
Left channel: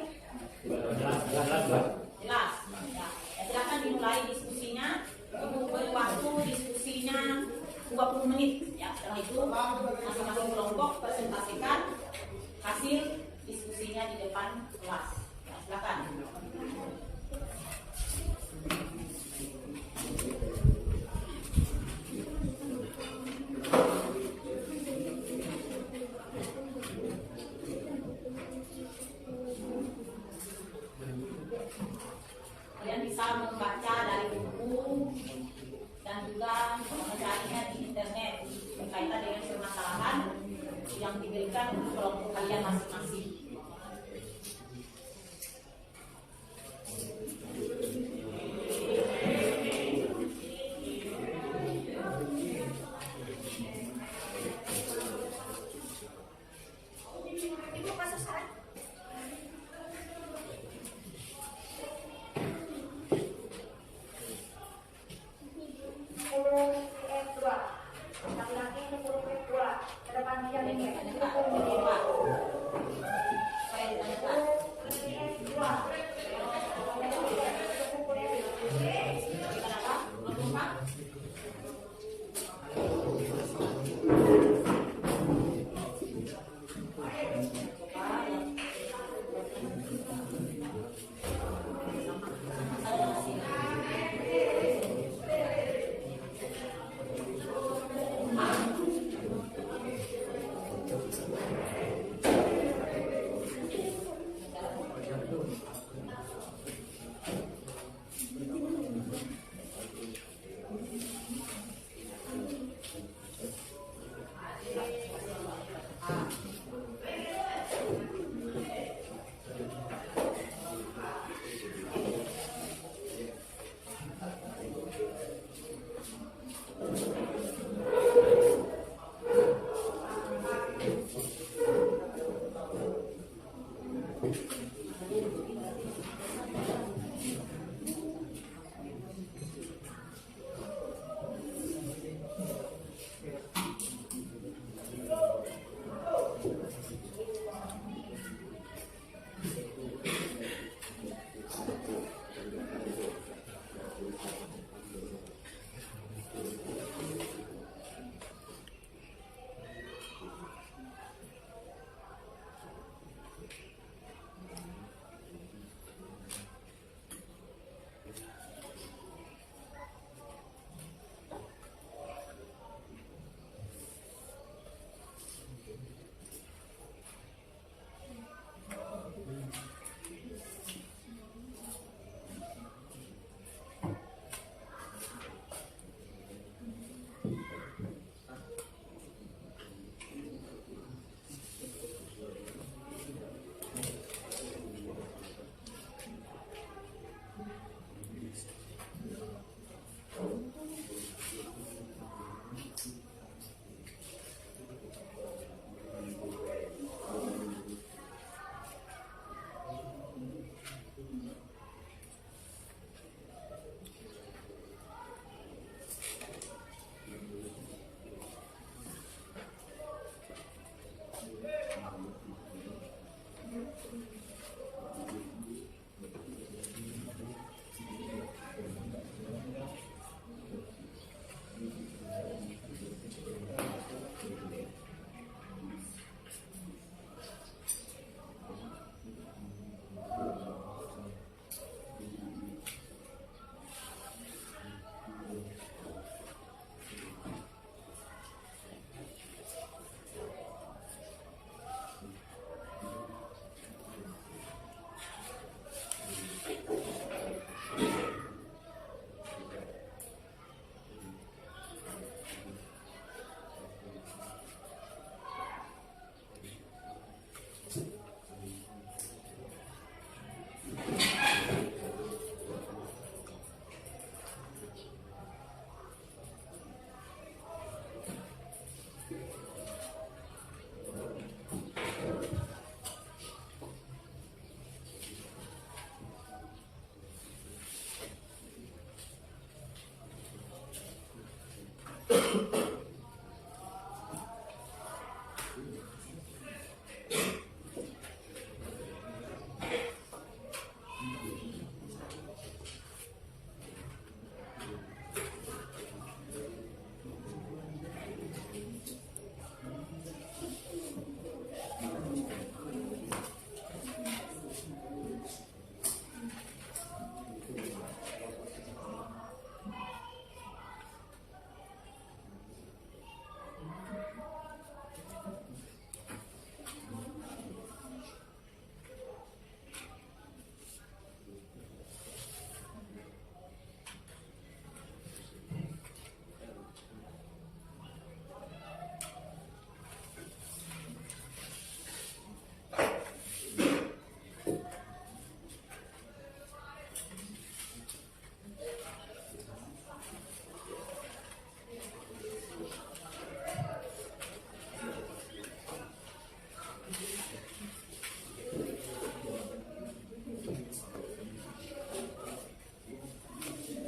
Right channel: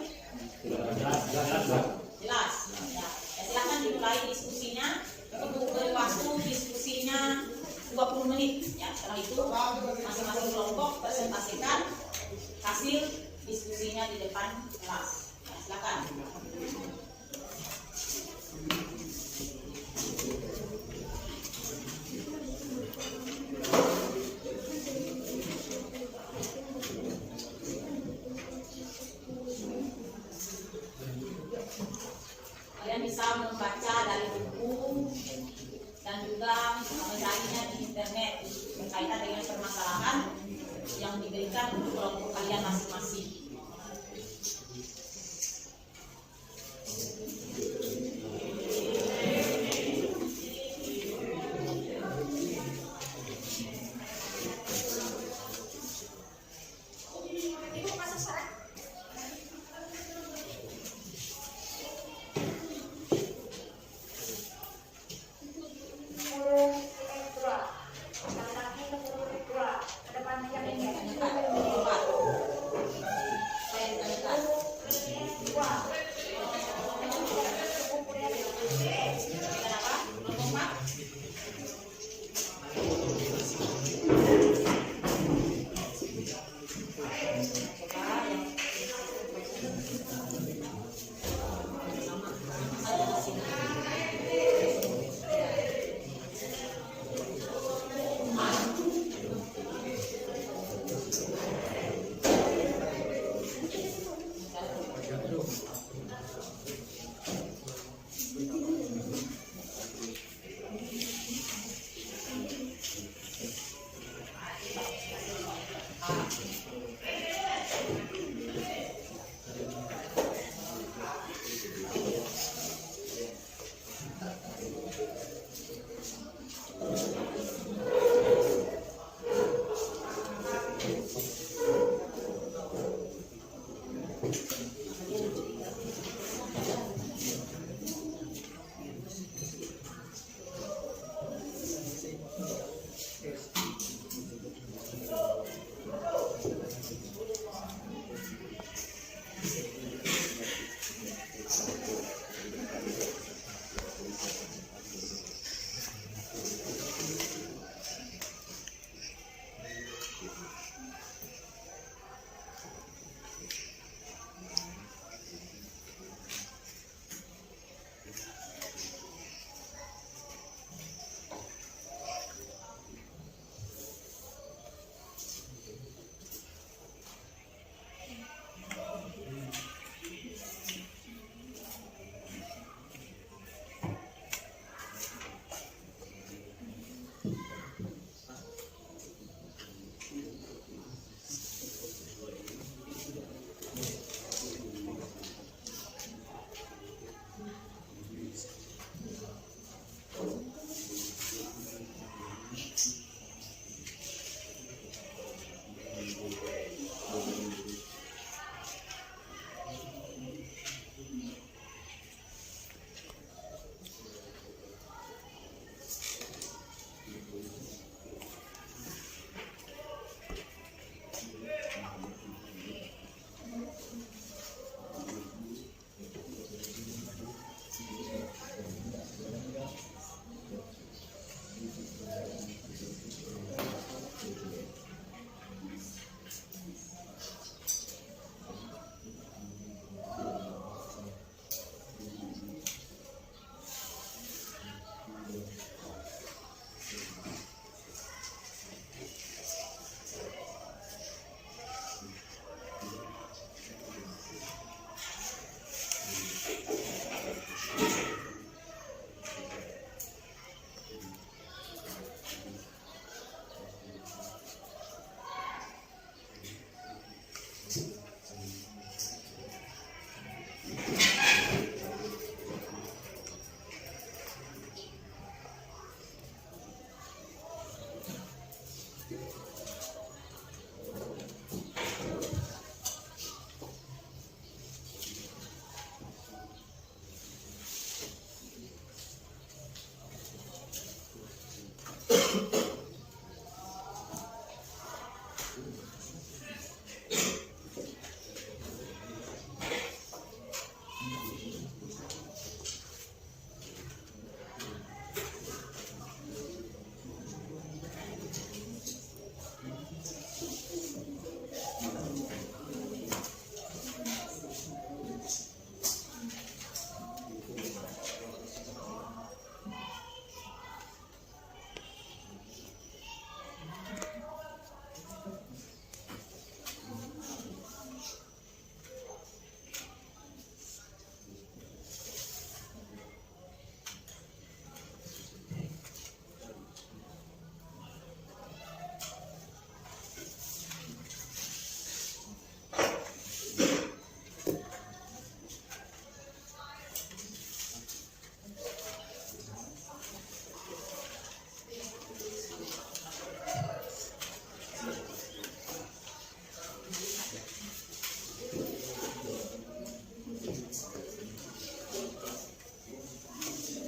Jelas. Ya, silakan dimulai diskusinya. Untuk beri waktu diskusinya 20 menit. Ya, setelah itu masing-masing kelompok presentasikan hasil diskusinya di depan kelas. Ya, silakan. Kalian bisa membaca dari buku dan juga mencarinya di internet berkaitan dengan permasalahan yang diberikan untuk kelompok kalian masing-masing. Ibu masuk sekarang. Kelompok 4.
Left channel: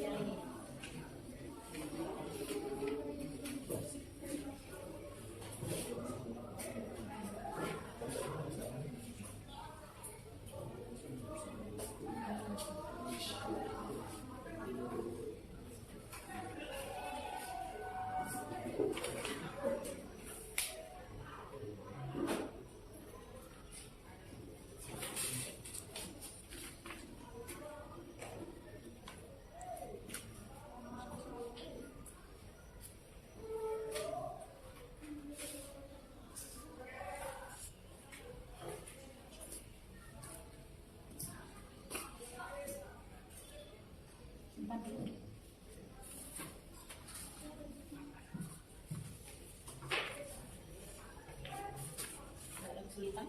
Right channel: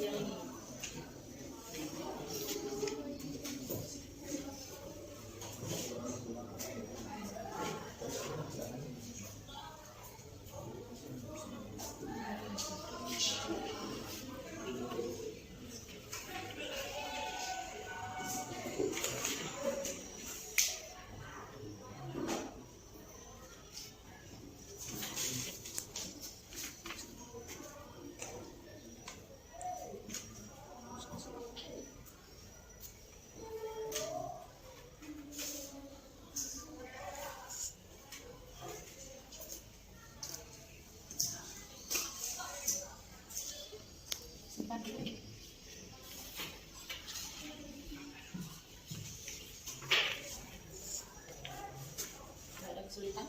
Yang ini. Simpan dulu. Nggak ada kesulitan?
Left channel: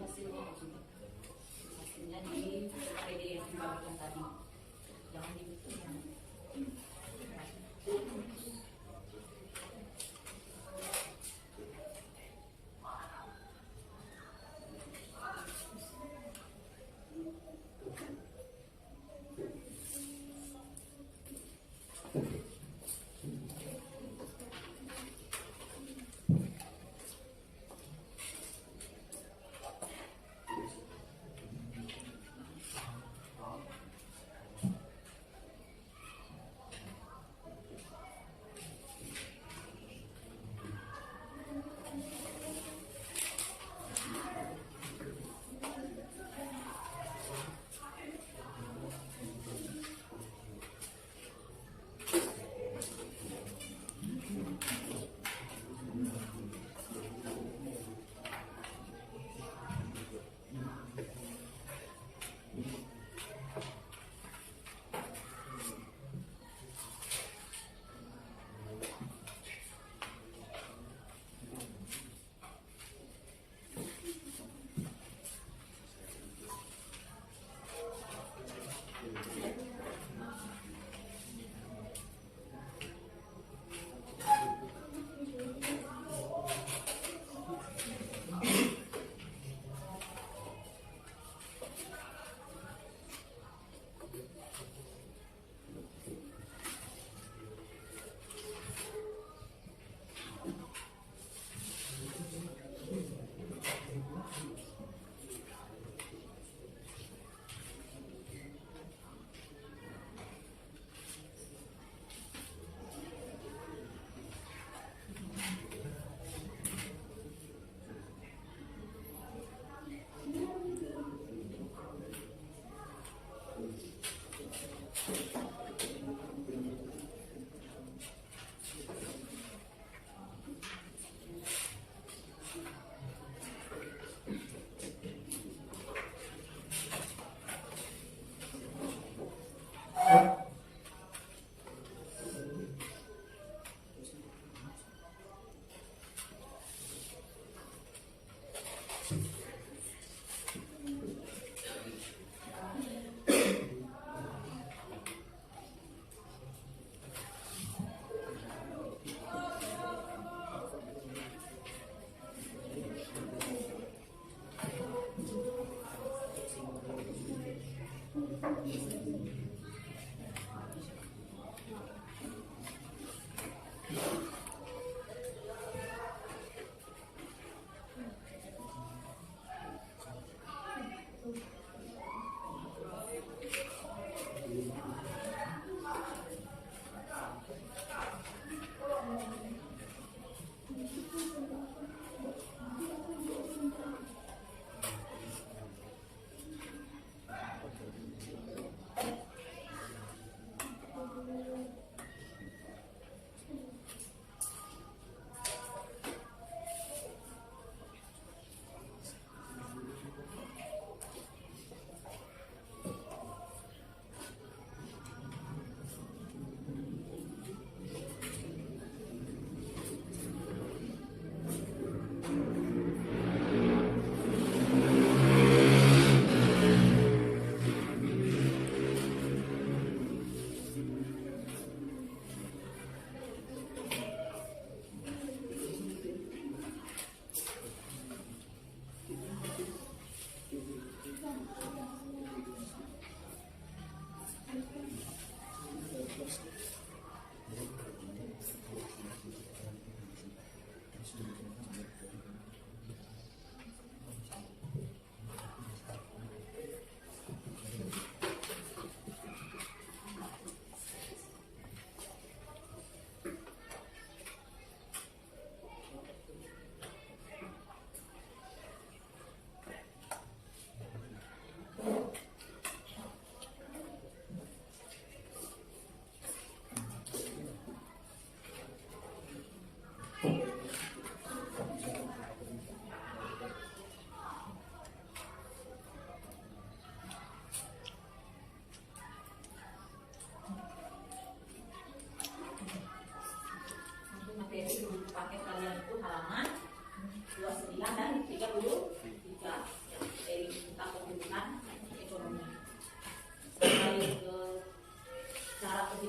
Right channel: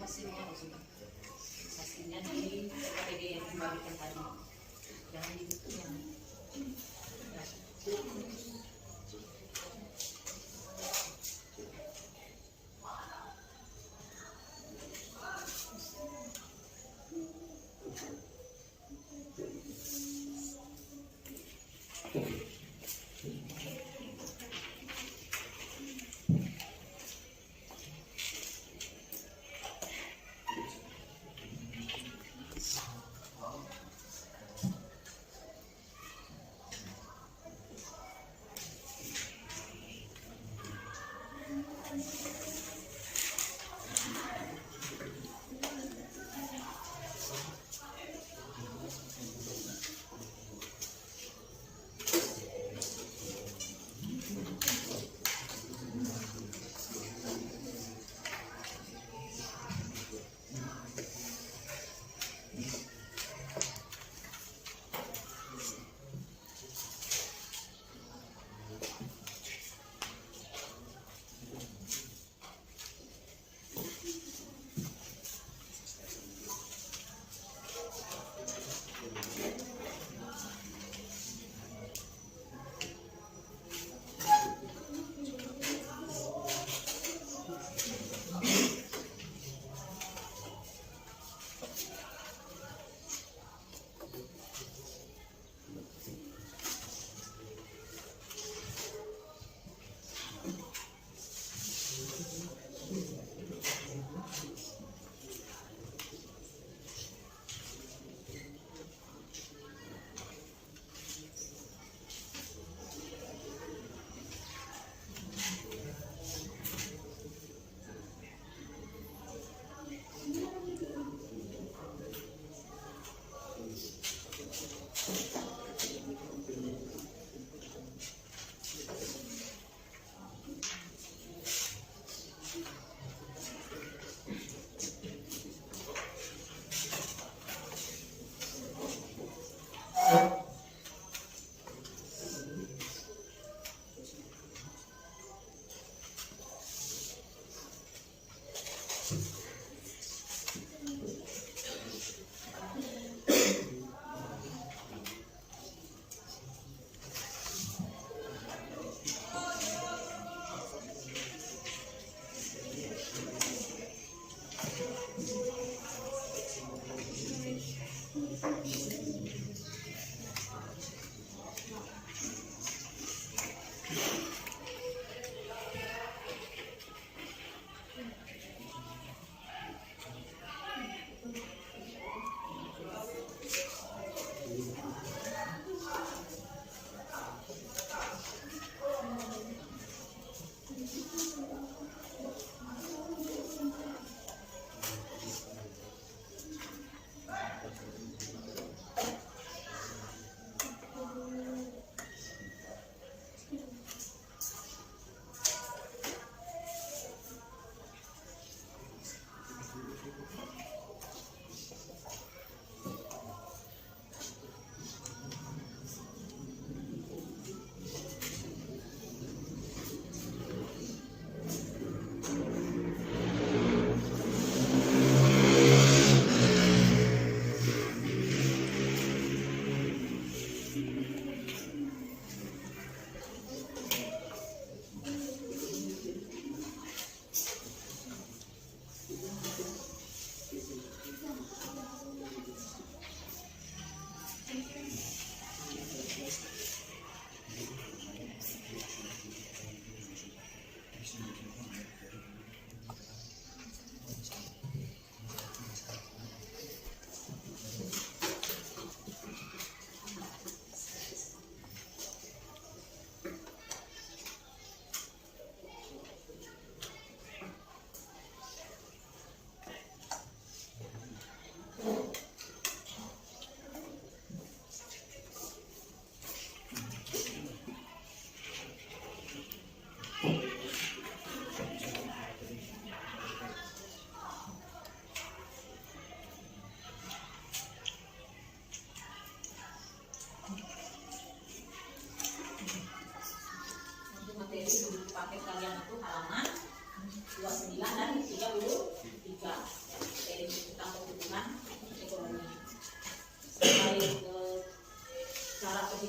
Hasilnya maksudnya. Hasilnya di PPD yang dibagikan tadi. Jangan dibutuh yang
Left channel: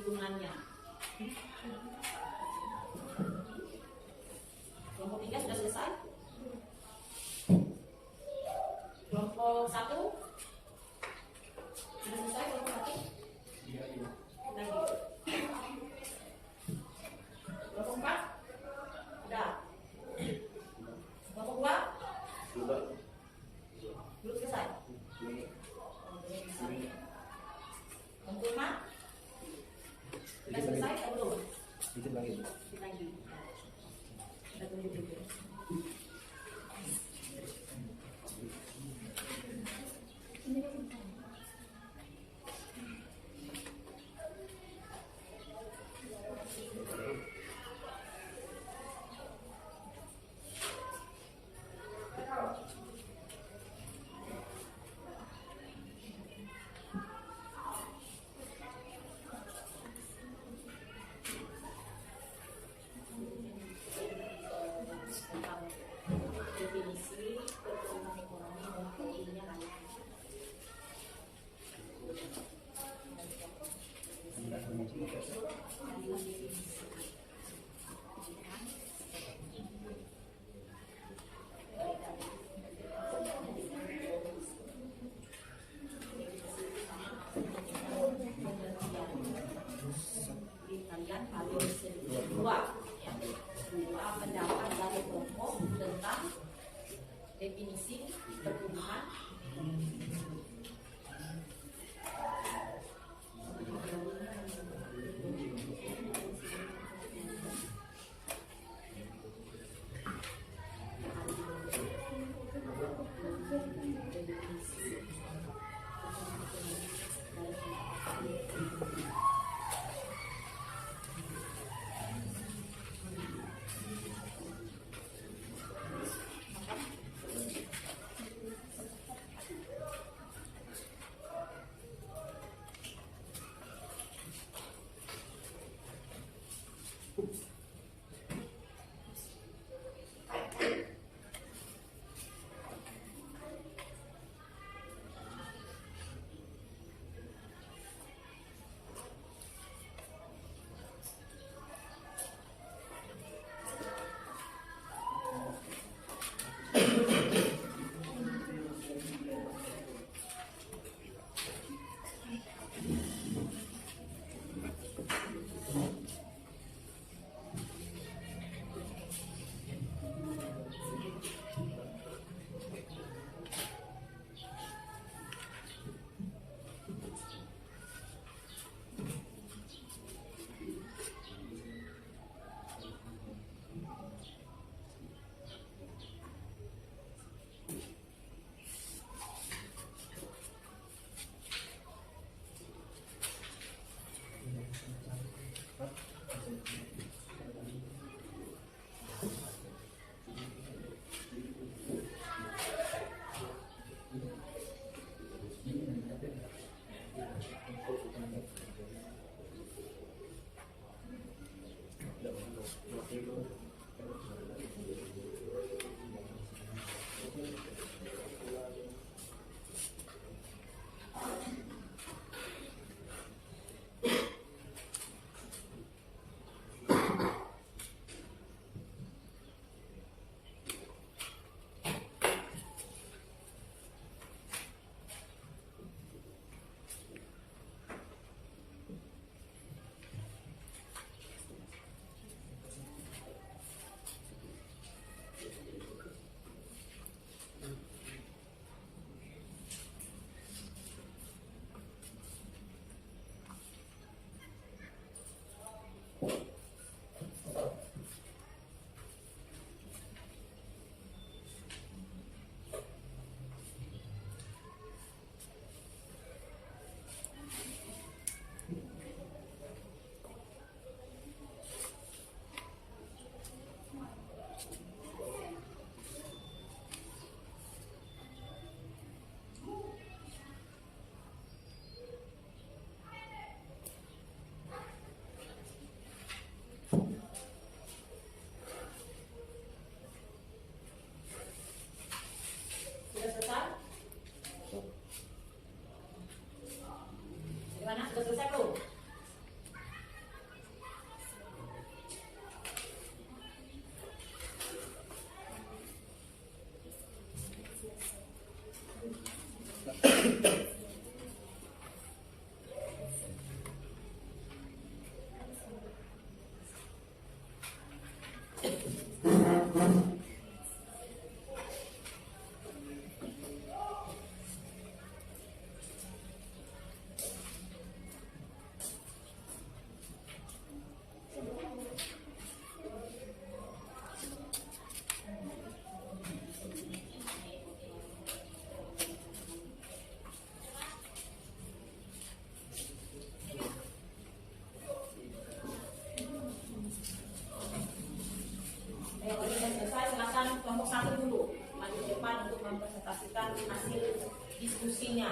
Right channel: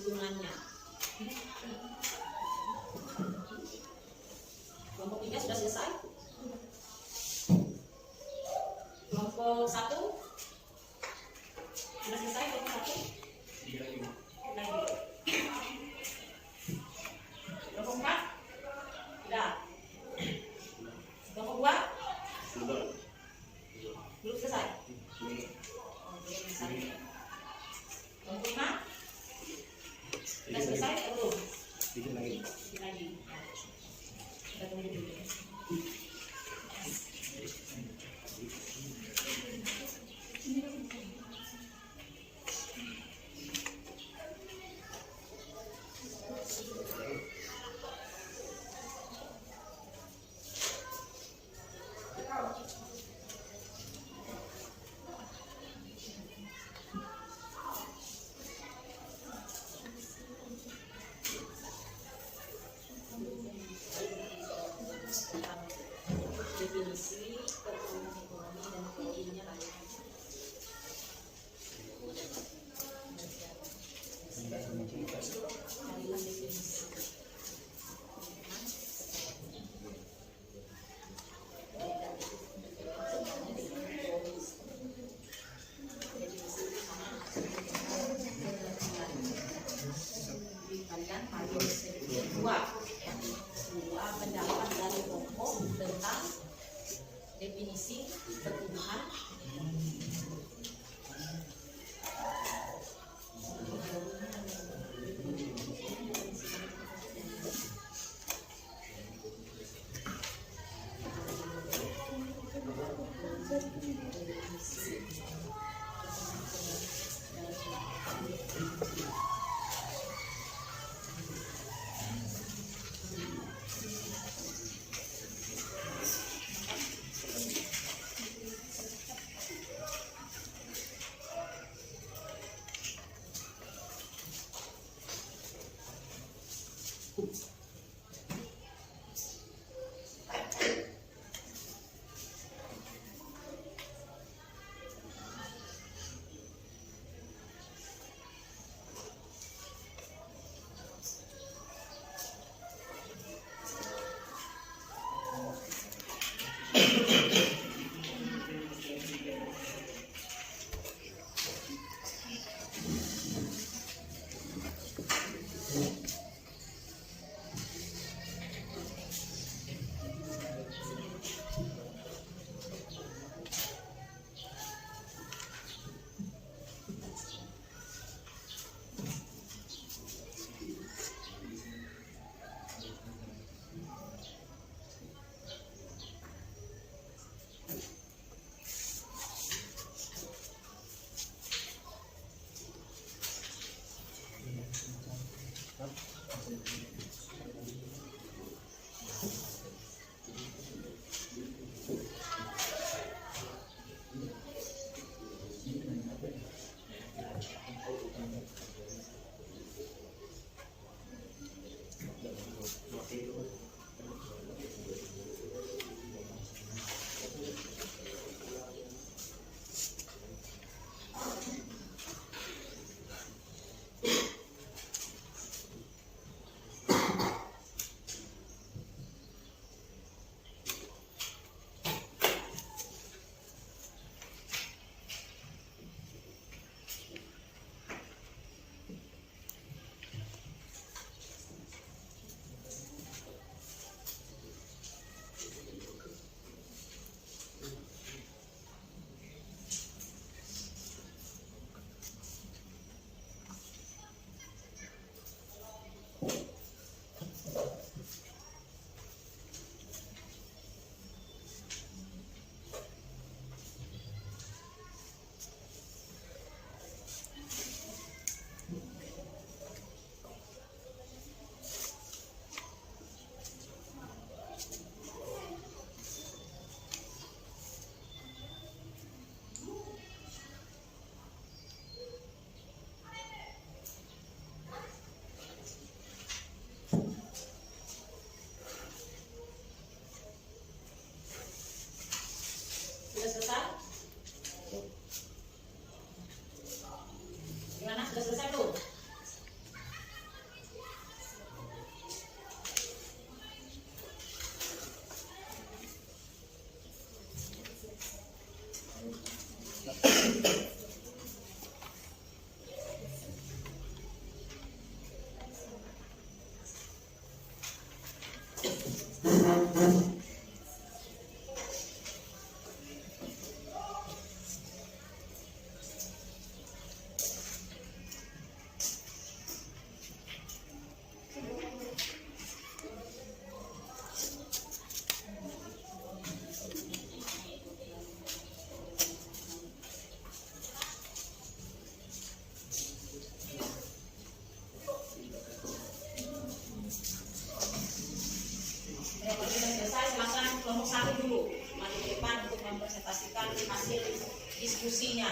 perhitungannya. Kelompok 3 sudah selesai. Kelompok 1 sudah selesai. Kelompok 1 lagi. Kelompok 4 sudah. Kelompok 2 belum selesai. Oke, bisa. Kelompok 5 sudah selesai atau belum? Dikit lagi. Lagi. Kita tunggu dulu. Tentang definisi pertumbuhan ekonomi dan poinnya banyak. Adalah definisi. Kalian paling sedikit dua pendapat dari kelompok tentang definisi pertumbuhan.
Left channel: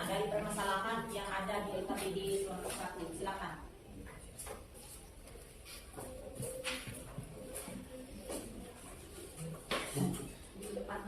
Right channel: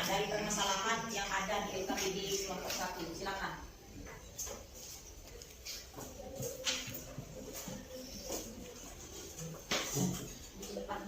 dari permasalahan yang ada di LKPD kelompok 1. Silakan. Di depan.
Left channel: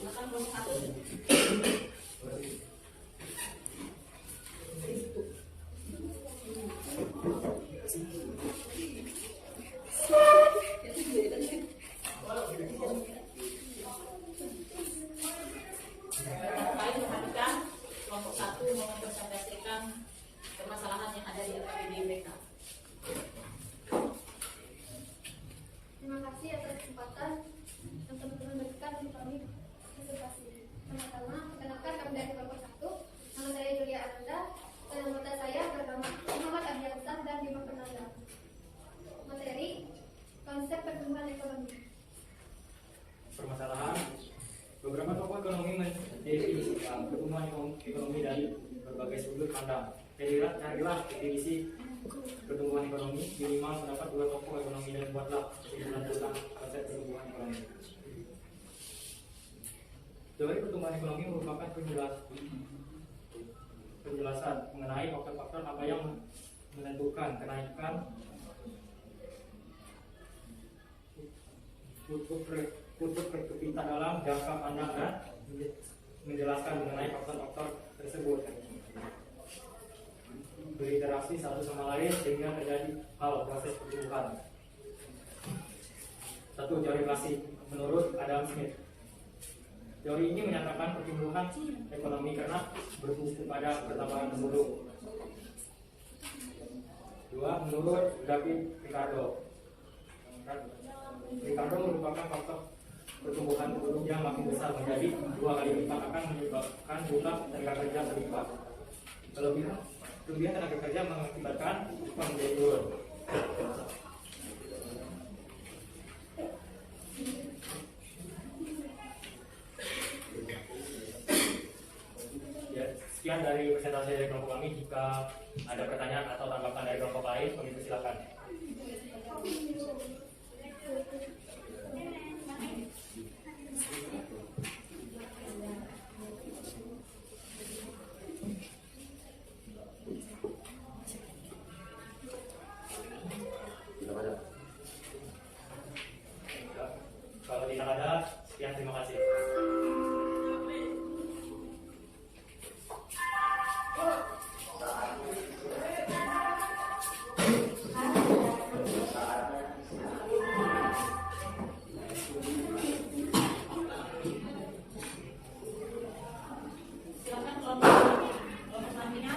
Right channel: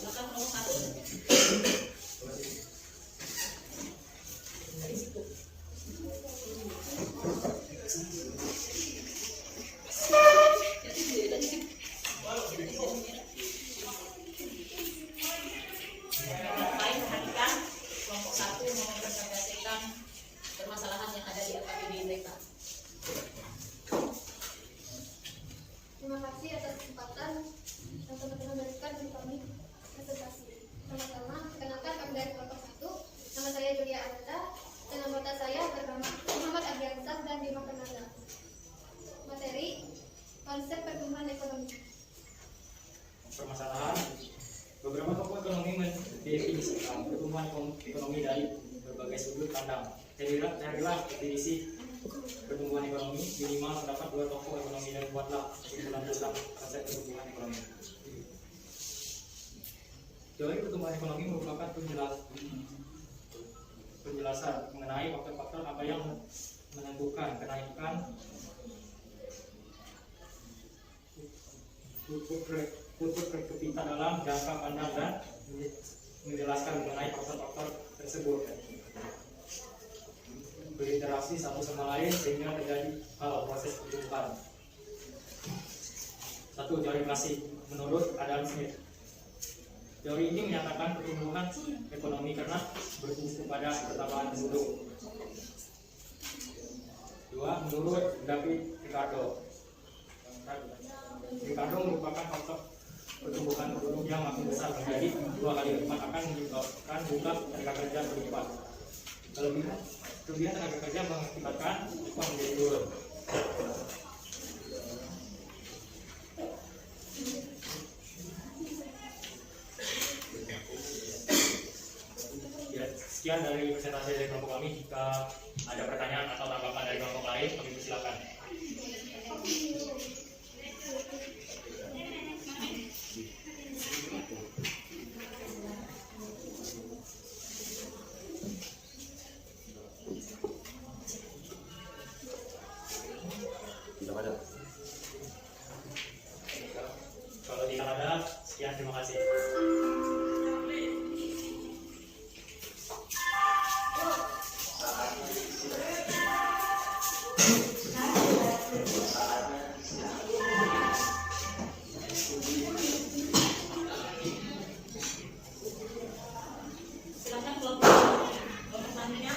Silakan kelompok 1. Baik, perhatikan kelompok 1 mau mempresentasikan permasalahan yang ada di LKPD mereka. Terima kasih atas kesempatan yang teman-teman berikan untuk kami presentasi. Pertama, perkenalkan kami dari kelompok 1. Nama saya Julia Ananda dan anggota saya bernama Muhammad Adiansah dan Bima Fernanda. Materi konsep pertumbuhan ekonomi. Permasalahan beberapa tokoh ekonomi mendefinisikan pertumbuhan ekonomi dari berbagai sudut pandang. Carilah definisi pertumbuhan ekonomi minimal terdapat 2 tokoh ekonomi dan buatlah kesimpulan tentang konsep pertumbuhan ekonomi. Teori pertumbuhan ekonomi merupakan penjelasan mengenai faktor-faktor apa yang menentukan kenaikan output per kapita dalam jangka pandang dan menjelaskan mengenai faktor-faktor tersebut berinteraksi satu sama lain sehingga terjadi proses pertumbuhan. 1. Teori klasik menurut Adam Smith. Teori ini menyatakan pertumbuhan ekonomi karena bertumpu pada pertambahan penduduk. 2. Menurut David Ricardo. Ricardo merupakan faktor pertumbuhan penduduk yang makin besar menjadi 2 kali lipat akan menyebabkan jumlah tenaga kerja berlipat. Kelebihan tenaga kerja mengakibatkan upah menjadi turun. Ya, sekian dari presentasi dari kelompok kami. Jika ada pertanyaan atau tanggapan dari kelompok lain, kami persilakan. Kalau tidak ada, sekian, terima kasih. Silakan kelompok selanjutnya.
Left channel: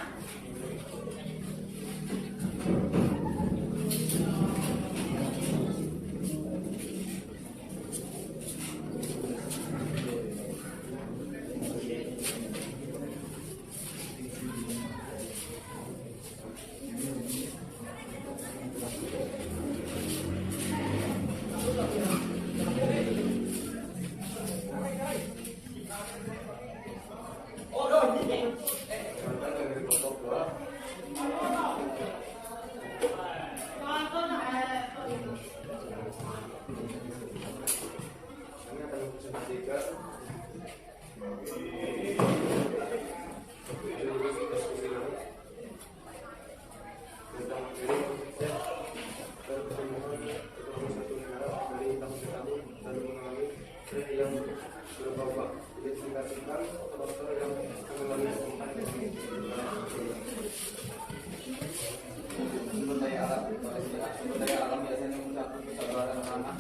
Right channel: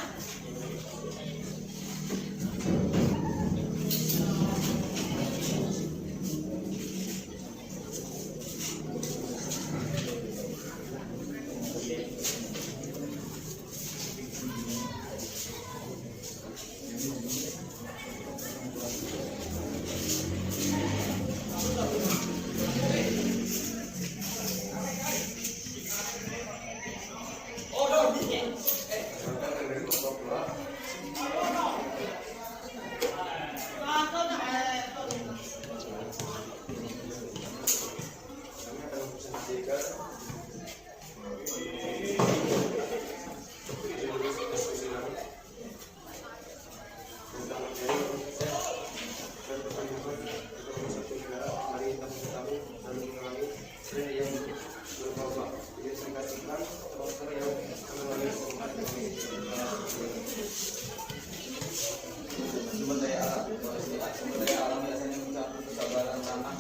Sumber daya alam biasanya mencakup kesabaran tanah,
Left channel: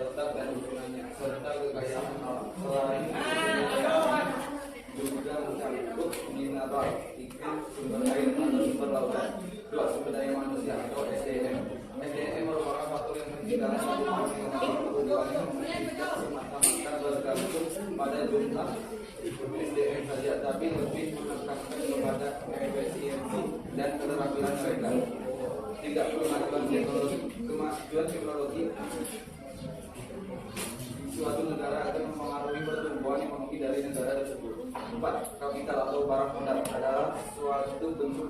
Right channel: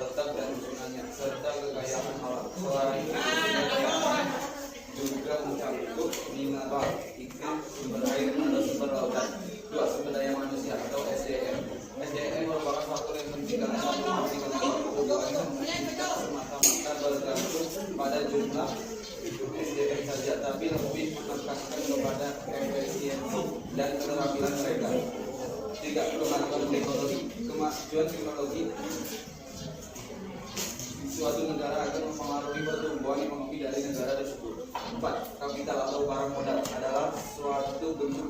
letak dan susunannya, serta kekayaan alam. Selain itu juga mencakup mineral, iklim, sumber air atau sumber lautan. 2. Sumber daya manusia atau SDM. SDM merupakan faktor yang penting karena satu ekonomi pertumbuhan tidak semata-mata bergantung pada jumlah SDM saja, tapi lebih menekankan kepada efisiensi dan keterampilan mereka. 3. Pengetahuan teknologi. kemajuan teknologi di suatu negara akan mempengaruhi pertumbuhan ekonomi dari negara tersebut. 4. Kapital atau barang modal adalah suatu bentuk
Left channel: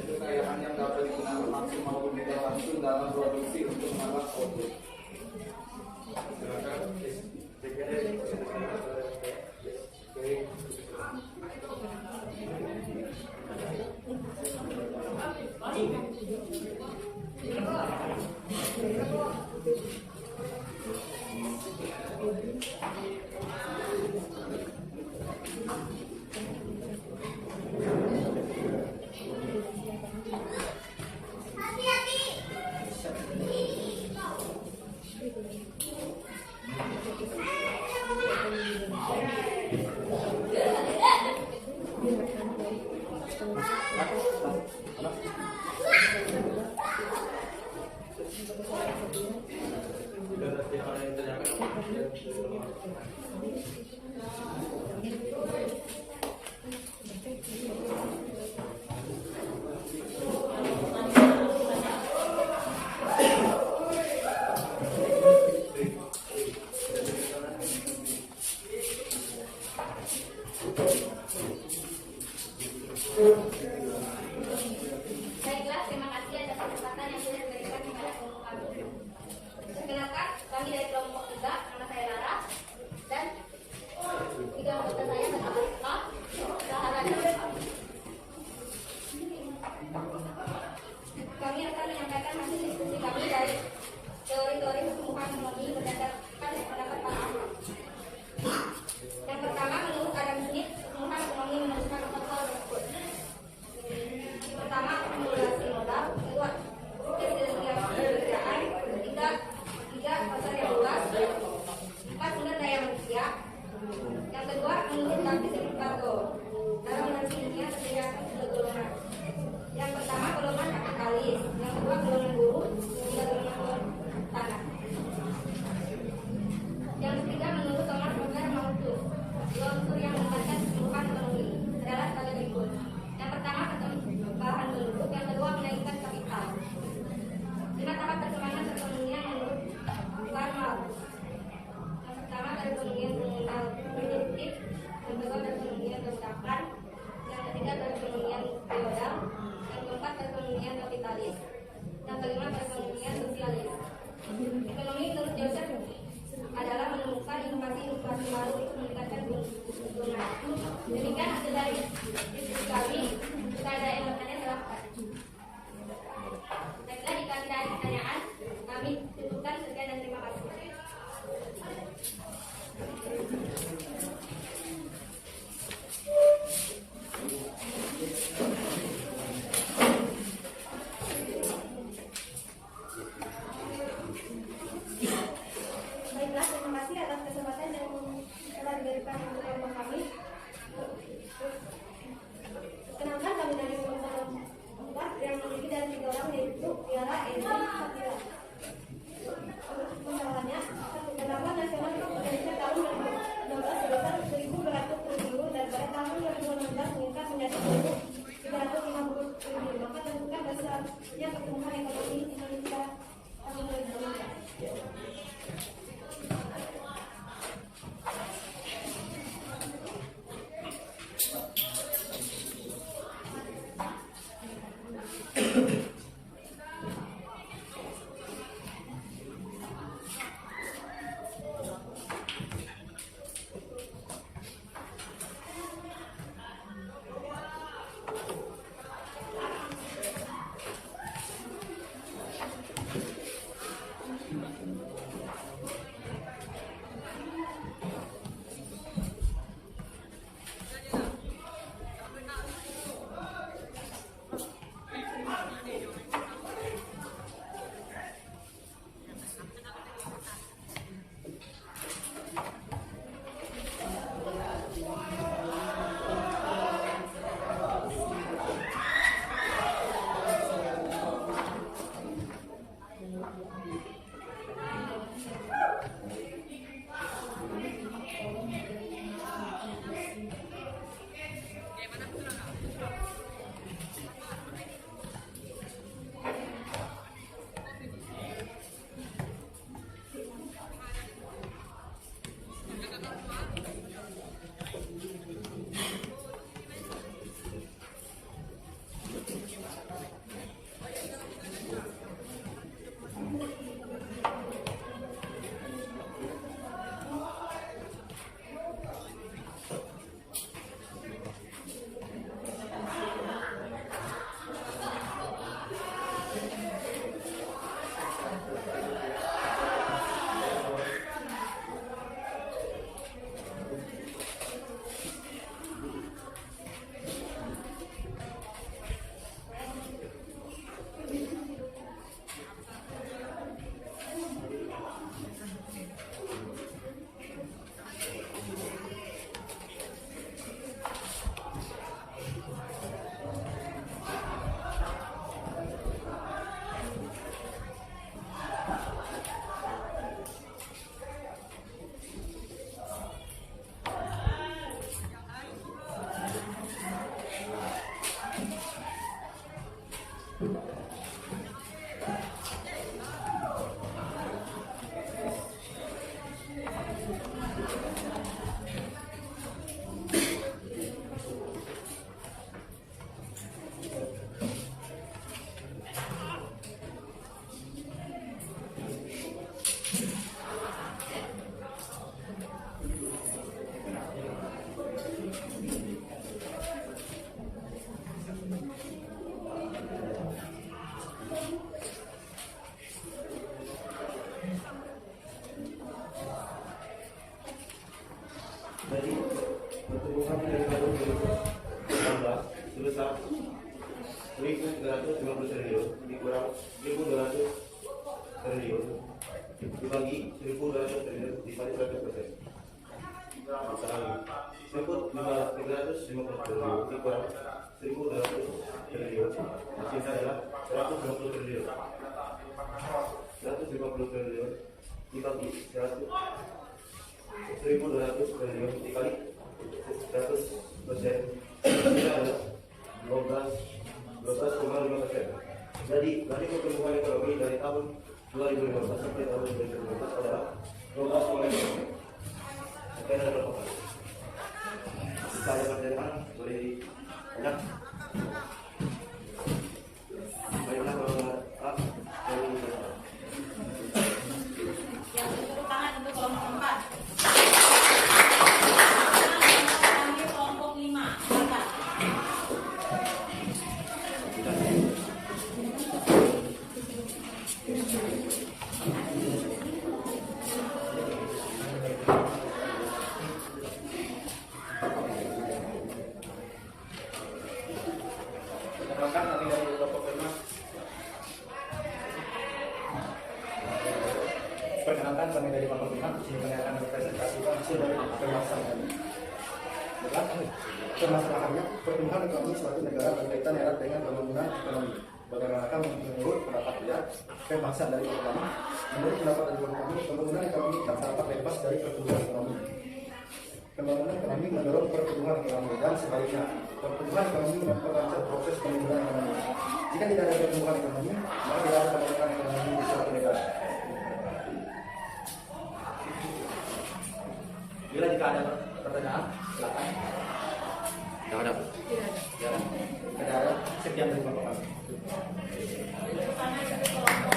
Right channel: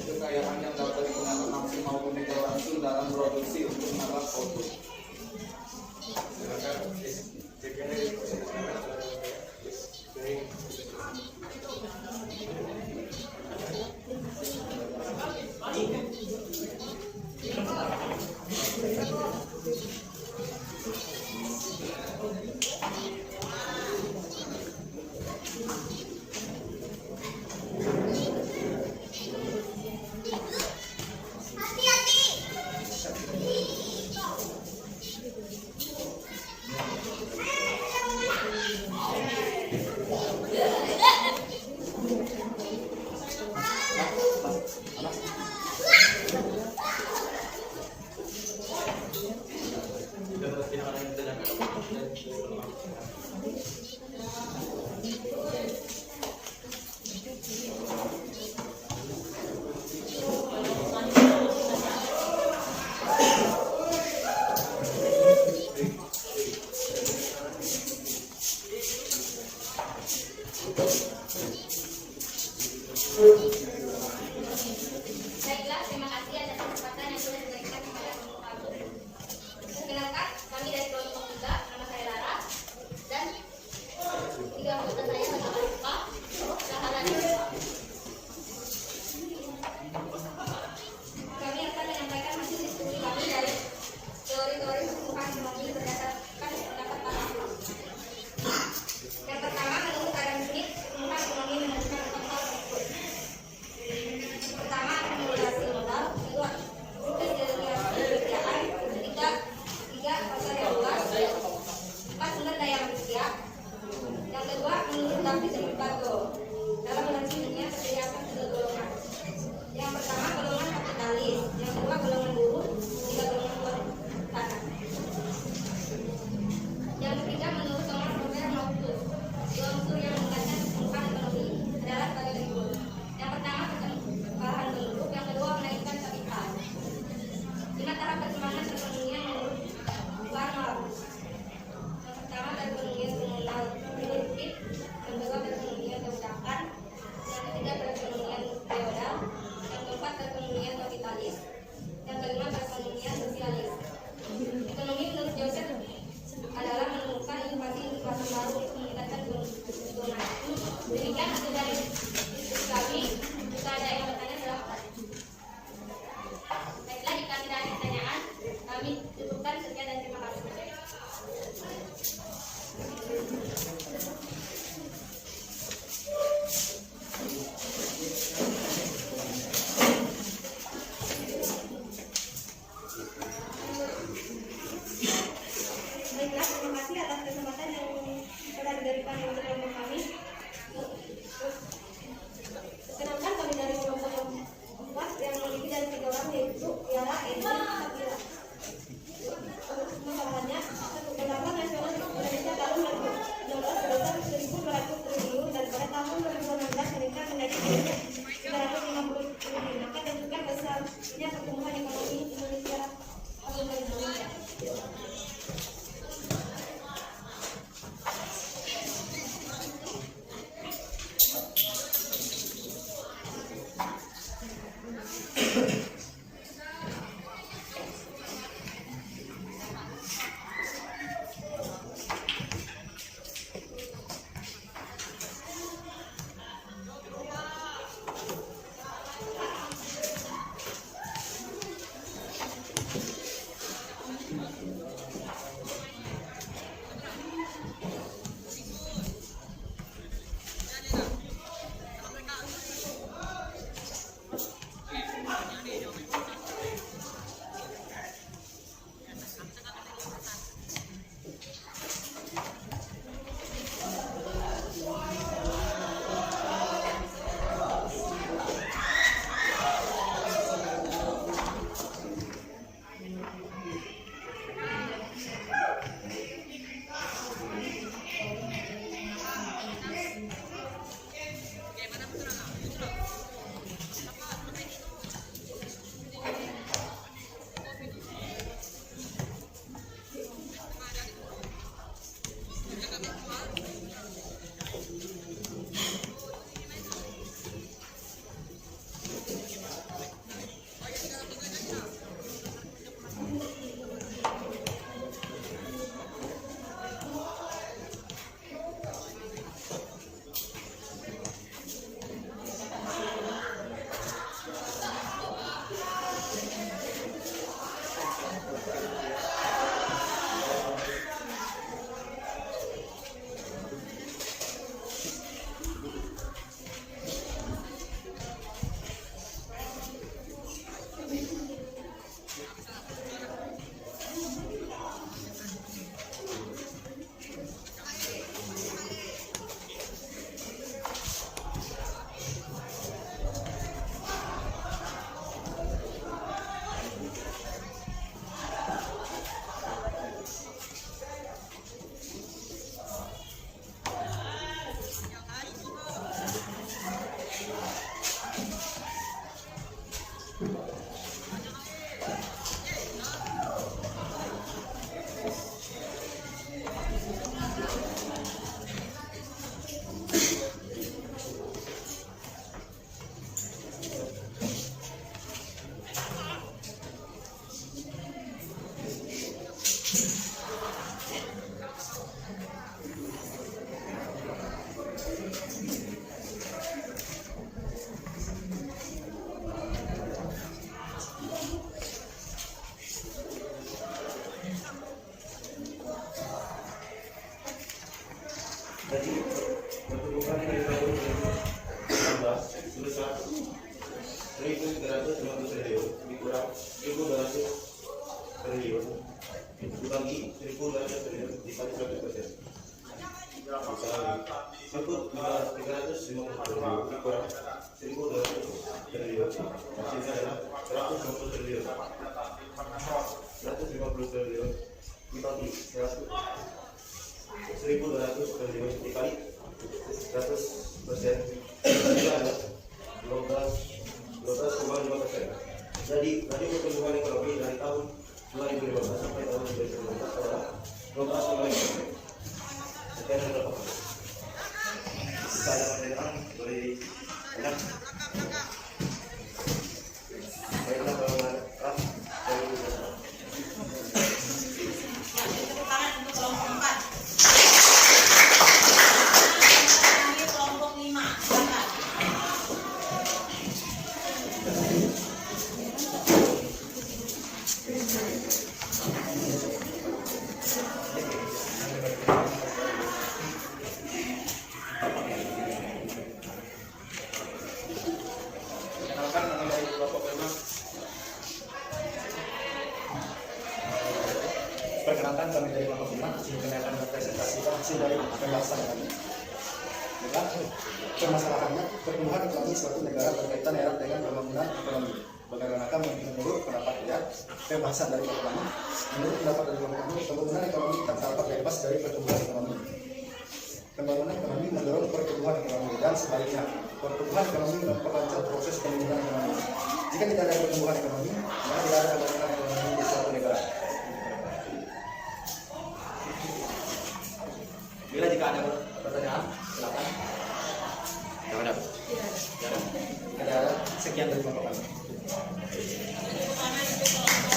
kekayaan yang dapat digunakan langsung maupun tidak langsung dalam produksi untuk menambah output. Silakan. Baiklah, terima kasih atas kesempatan yang sudah diberikan kepada kelompok kami. Perkenalkan, kami dari kelompok 3, nama saya Lara, dan dibagi 1.200 triliun dikali 100%. Misalnya 1.350 triliun dikurang 1.200 triliun, hasilnya adalah 150 triliun. 150 triliun dibagi 1.200 triliun dikali 100%, hasilnya adalah 12,5%. Jadi dari pertumbuhan ekonomi dari tahun 2015 sampai tahun 2019 adalah 12,5%. Sekian ada berapa? Saya mendengar dari banyak. Baiklah kalau dari Yang tepuk tangan untuk kelompok 4. Kelompok 5. Silakan. Perkenalkan kami dari kelompok 5. Perkenalkan kami dari kelompok 5. Di sini kami akan mempresentasikan hasil dari pembahasan kami. Permasalahannya, pertumbuhan ekonomi suatu negara berkaitan erat dengan pembangunan ekonomi. Bagaimana menurut pendapat dia, pembahasan dari kelompok kami. Menurut pendapat dari kelompok kami, pembangunan ekonomi tak dapat lepas dari pertumbuhan ekonomi. Pembangunan ekonomi mendorong pertumbuhan ekonomi dan sebaliknya, pertumbuhan ekonomi memperlancar proses pembangunan ekonomi. Jika tidak ada pertumbuhan ekonomi, maka tidak ada pembangunan ekonomi di suatu negara. Bila jika ada pertanyaan, silakan. Tidak ada. Tidak ada. Sekian dari kelompok kami. Tepuk tangan untuk kelompok 5.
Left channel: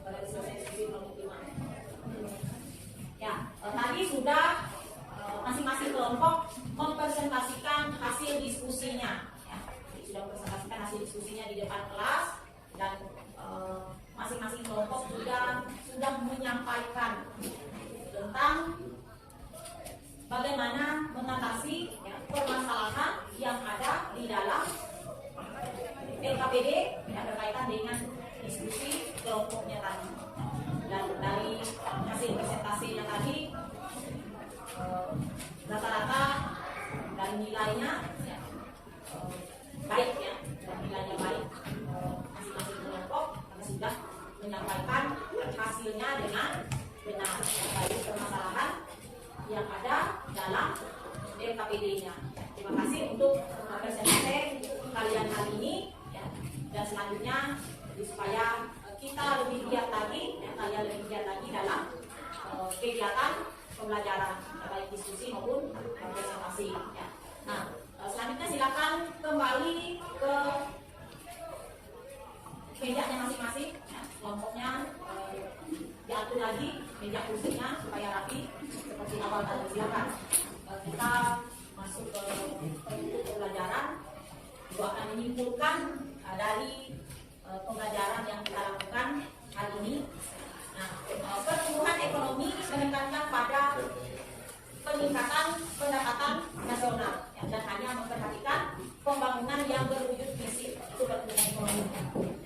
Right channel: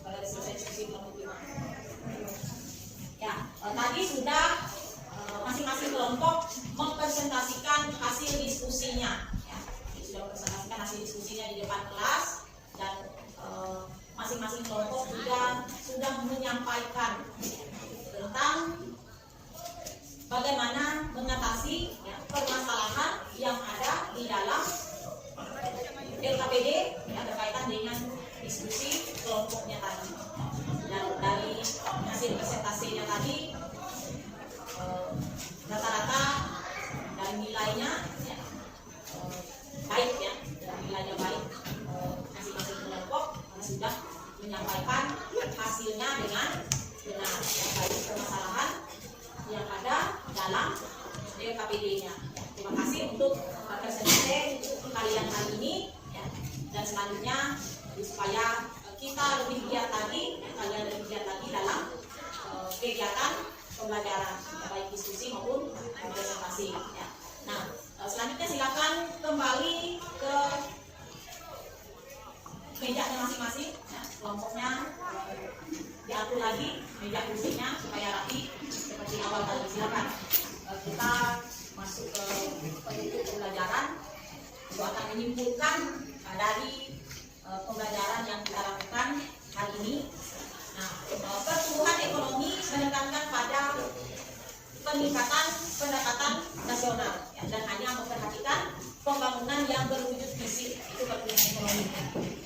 Pada selesai diskusi kelompok 5. Ya, tadi sudah masing-masing kelompok mempresentasikan hasil diskusinya. Ya, sudah mempresentasikan hasil diskusinya di depan kelas dan masing-masing kelompok juga sudah menyampaikan tentang bagaimana mengatasi permasalahan yang ada di dalam LKPD yang berkaitan dengan diskusi kelompoknya tadi. Dan dari hasil presentasinya tadi rata-rata dari nilainya baik ya, nilainya baik masing-masing kelompok karena sudah menyampaikan hasilnya dengan benar baik permasalahan yang ada dalam LKPD-nya. Terima kasih untuk presentasi kalian kali ini ya. Dan selanjutnya supaya kita lebih giat lagi, kalian lebih giat lagi dalam kegiatan pembelajaran baik diskusi maupun presentasi. Ya. Nah, selanjutnya silakan kembali ke mejanya masing-masing, ya. Kelompoknya diatur lagi meja kursinya supaya rapi seperti awal tadi. Silakan kita masuk ke penutup pembelajaran. Itu akan menyimpulkan dari pembelajaran yang kita lakukan hari ini. Nah, pertumbuhan ekonomi menekankan pada peningkatan pendapatan nasional ya, dan hanya memperhatikan pembangunan yang berwujud fisik. Itu pertumbuhan ekonomi.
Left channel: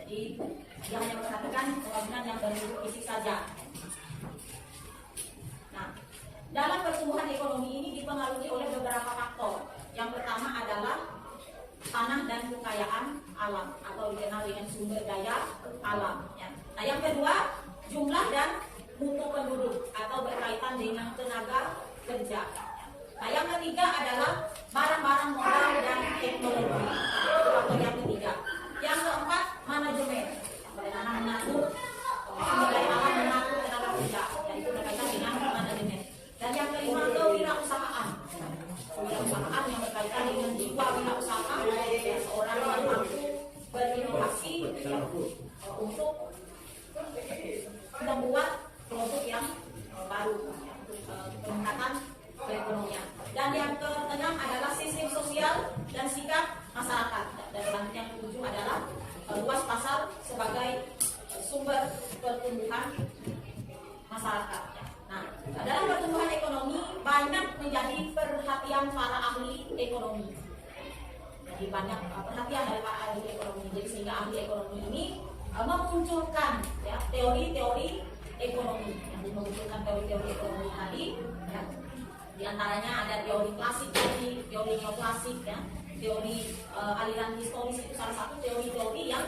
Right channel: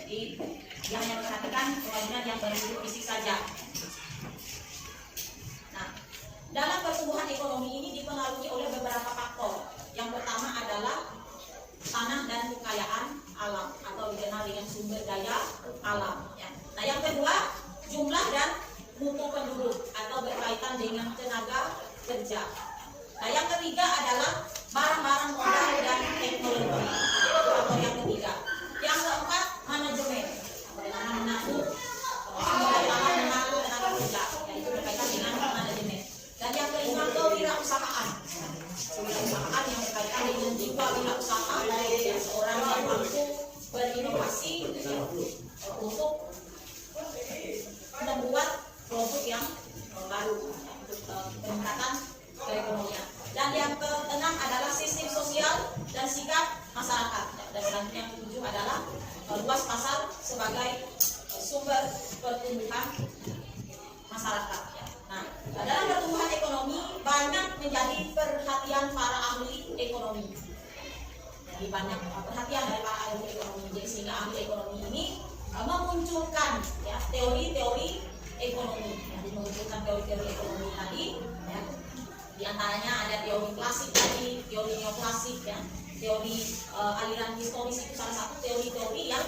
Jadi dia hanya memperhatikan pembangunan yang berwujud fisik saja. Nah, dalam pertumbuhan ekonomi ini dipengaruhi oleh beberapa faktor. Yang pertama adalah tanah dan kekayaan alam atau dikenal dengan sumber daya alam. Ya. Nah, yang kedua jumlah dan mutu penduduk atau berkaitan dengan tenaga kerja. Nah, yang ketiga adalah barang-barang modal dan teknologi. Faktor yang ketiga. Yang keempat manajemen. Bagaimana mengatur sumber daya alam, mengatur tenaga kerja. Yaitu berkaitan dengan manajemen. Dan yang kelima kewirausahaan. Kewirausahaan yang berkaitan dengan jiwa wirausaha, ya, seorang yang mampu berinovasi ya, untuk membuat produk yang baru ya, untuk peningkatan perekonomian. Dan yang keenam adalah sistem sosial dan sikap masyarakat. banyak perhatian dari para ahli ekonomi. Jadi sehingga ahli ekonomi ini memunculkan ya teori-teori ekonomi, ya, jadi memunculkan teori-teori ekonomi tadi, ya. Di antaranya ada teori klasik tadi, teori neoklasik, ya, teori aliran historis itu salah satu teori-teori yang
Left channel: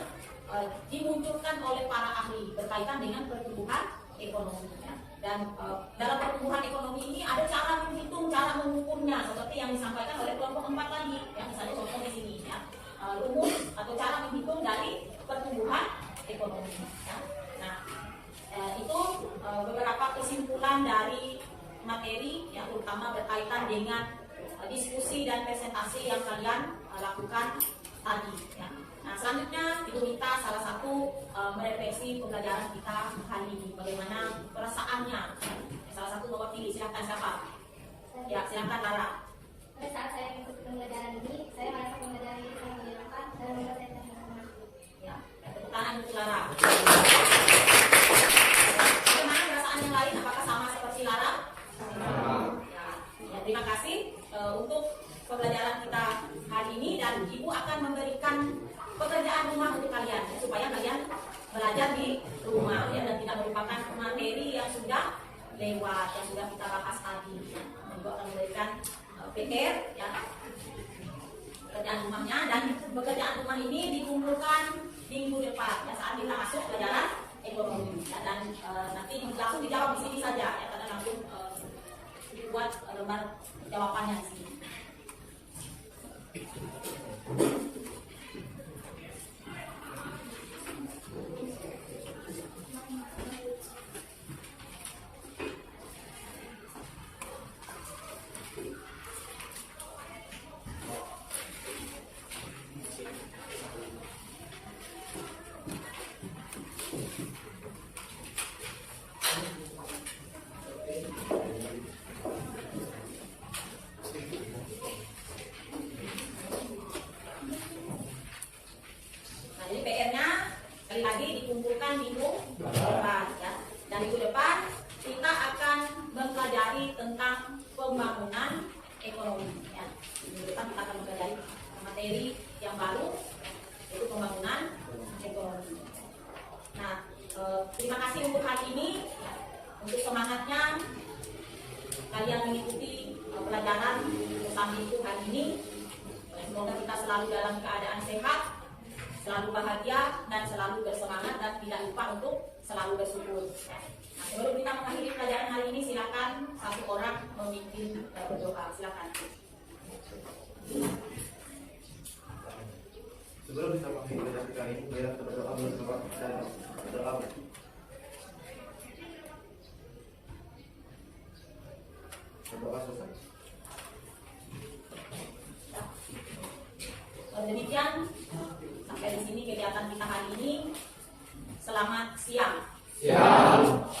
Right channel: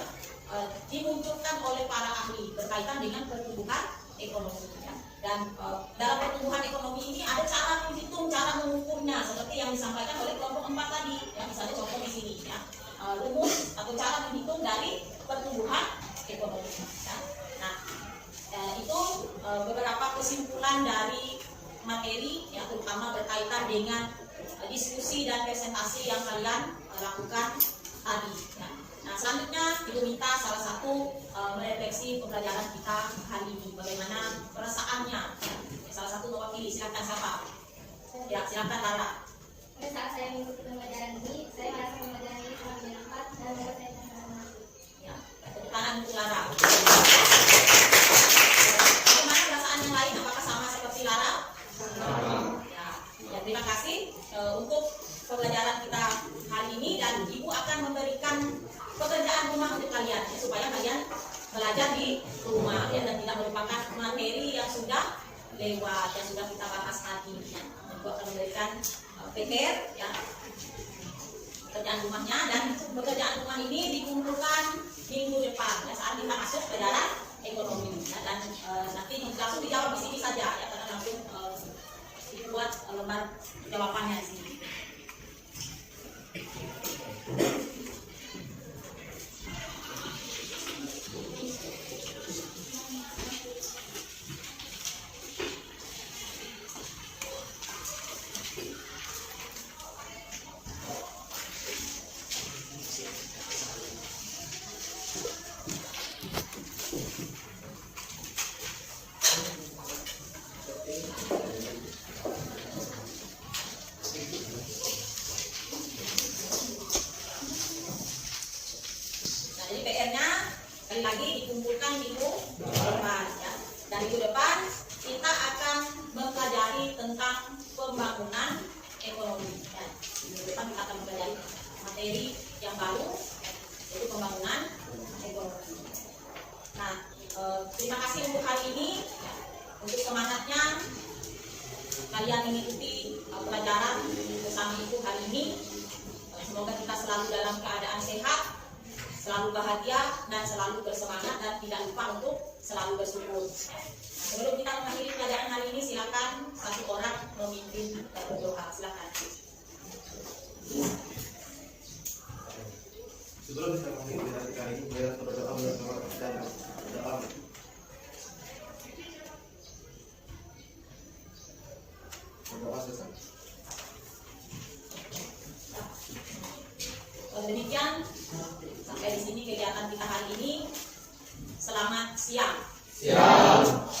dimunculkan oleh para ahli berkaitan dengan pertumbuhan ekonomi. Ya. Dan dalam pertumbuhan ekonomi ini ada cara menghitung, cara mengukurnya seperti yang disampaikan oleh kelompok 4 tadi. Ya, misalnya contoh di sini, ya, rumus atau cara menghitung dari pertumbuhan ekonomi. Ya. Nah, itu beberapa kesimpulan dari materi yang terutama berkaitan dengan diskusi dan presentasi yang kalian lakukan tadi. Ya. Nah, selanjutnya Ibu minta salah satu merefleksi pembelajaran kita hari ini, bagaimana perasaannya. Ya. Salah satu mewakili, silakan siapa? Ya, silakan Lara. Pada saat saya mengikuti pembelajaran ini, saya merasa pembelajaran ini sangat menyenangkan dan membuat saya terharu. Ya, tepuk tangan untuk Lara. Bagaimana perasaan yang lain? Apakah sama seperti Lara? Ya, ya, terima kasih untuk pembelajaran kita hari ini, dan Ibu akan memberikan pekerjaan rumah untuk kalian ya, supaya kalian belajar di rumah ya, dan tidak merupakan materi yang sudah lewat, yang sudah kita bahas tadi ya. Dan Ibu akan memberikan PR ya, pekerjaan rumahnya, dan pekerjaan rumah ini dikumpulkan minggu depan ya, saat kita masuk pelajaran ekonomi ya, dan nanti langsung dijawab di sini saja ya, karena langsung dibuat lembar jawabannya di sini. Lagi dikumpulkan minggu depan ya. Dan minggu depan kita akan mempelajari tentang pembangunan ekonomi ya. Minggu depan kita akan mempelajari materi yang baru ya, yaitu pembangunan ekonomi. Nah, terima kasih untuk hari ini ya. Untuk semangatnya kalian mengikuti pelajaran bersama Ibu hari ini. Semoga kita selalu dalam keadaan sehat, selalu bahagia, dan selalu bersemangat, dan tidak lupa untuk selalu bersyukur. Nah, sebelum kita mengakhiri pelajaran hari ini, silakan satu orang memimpin berdoa. Silakan. Sebelum kita mengakhiri pelajaran kita ini, mari kita berdoa bersama dan berdoa. Berdoa selesai. Demikian sampai di sini kegiatan kita hari ini. Selamat siang. Siap.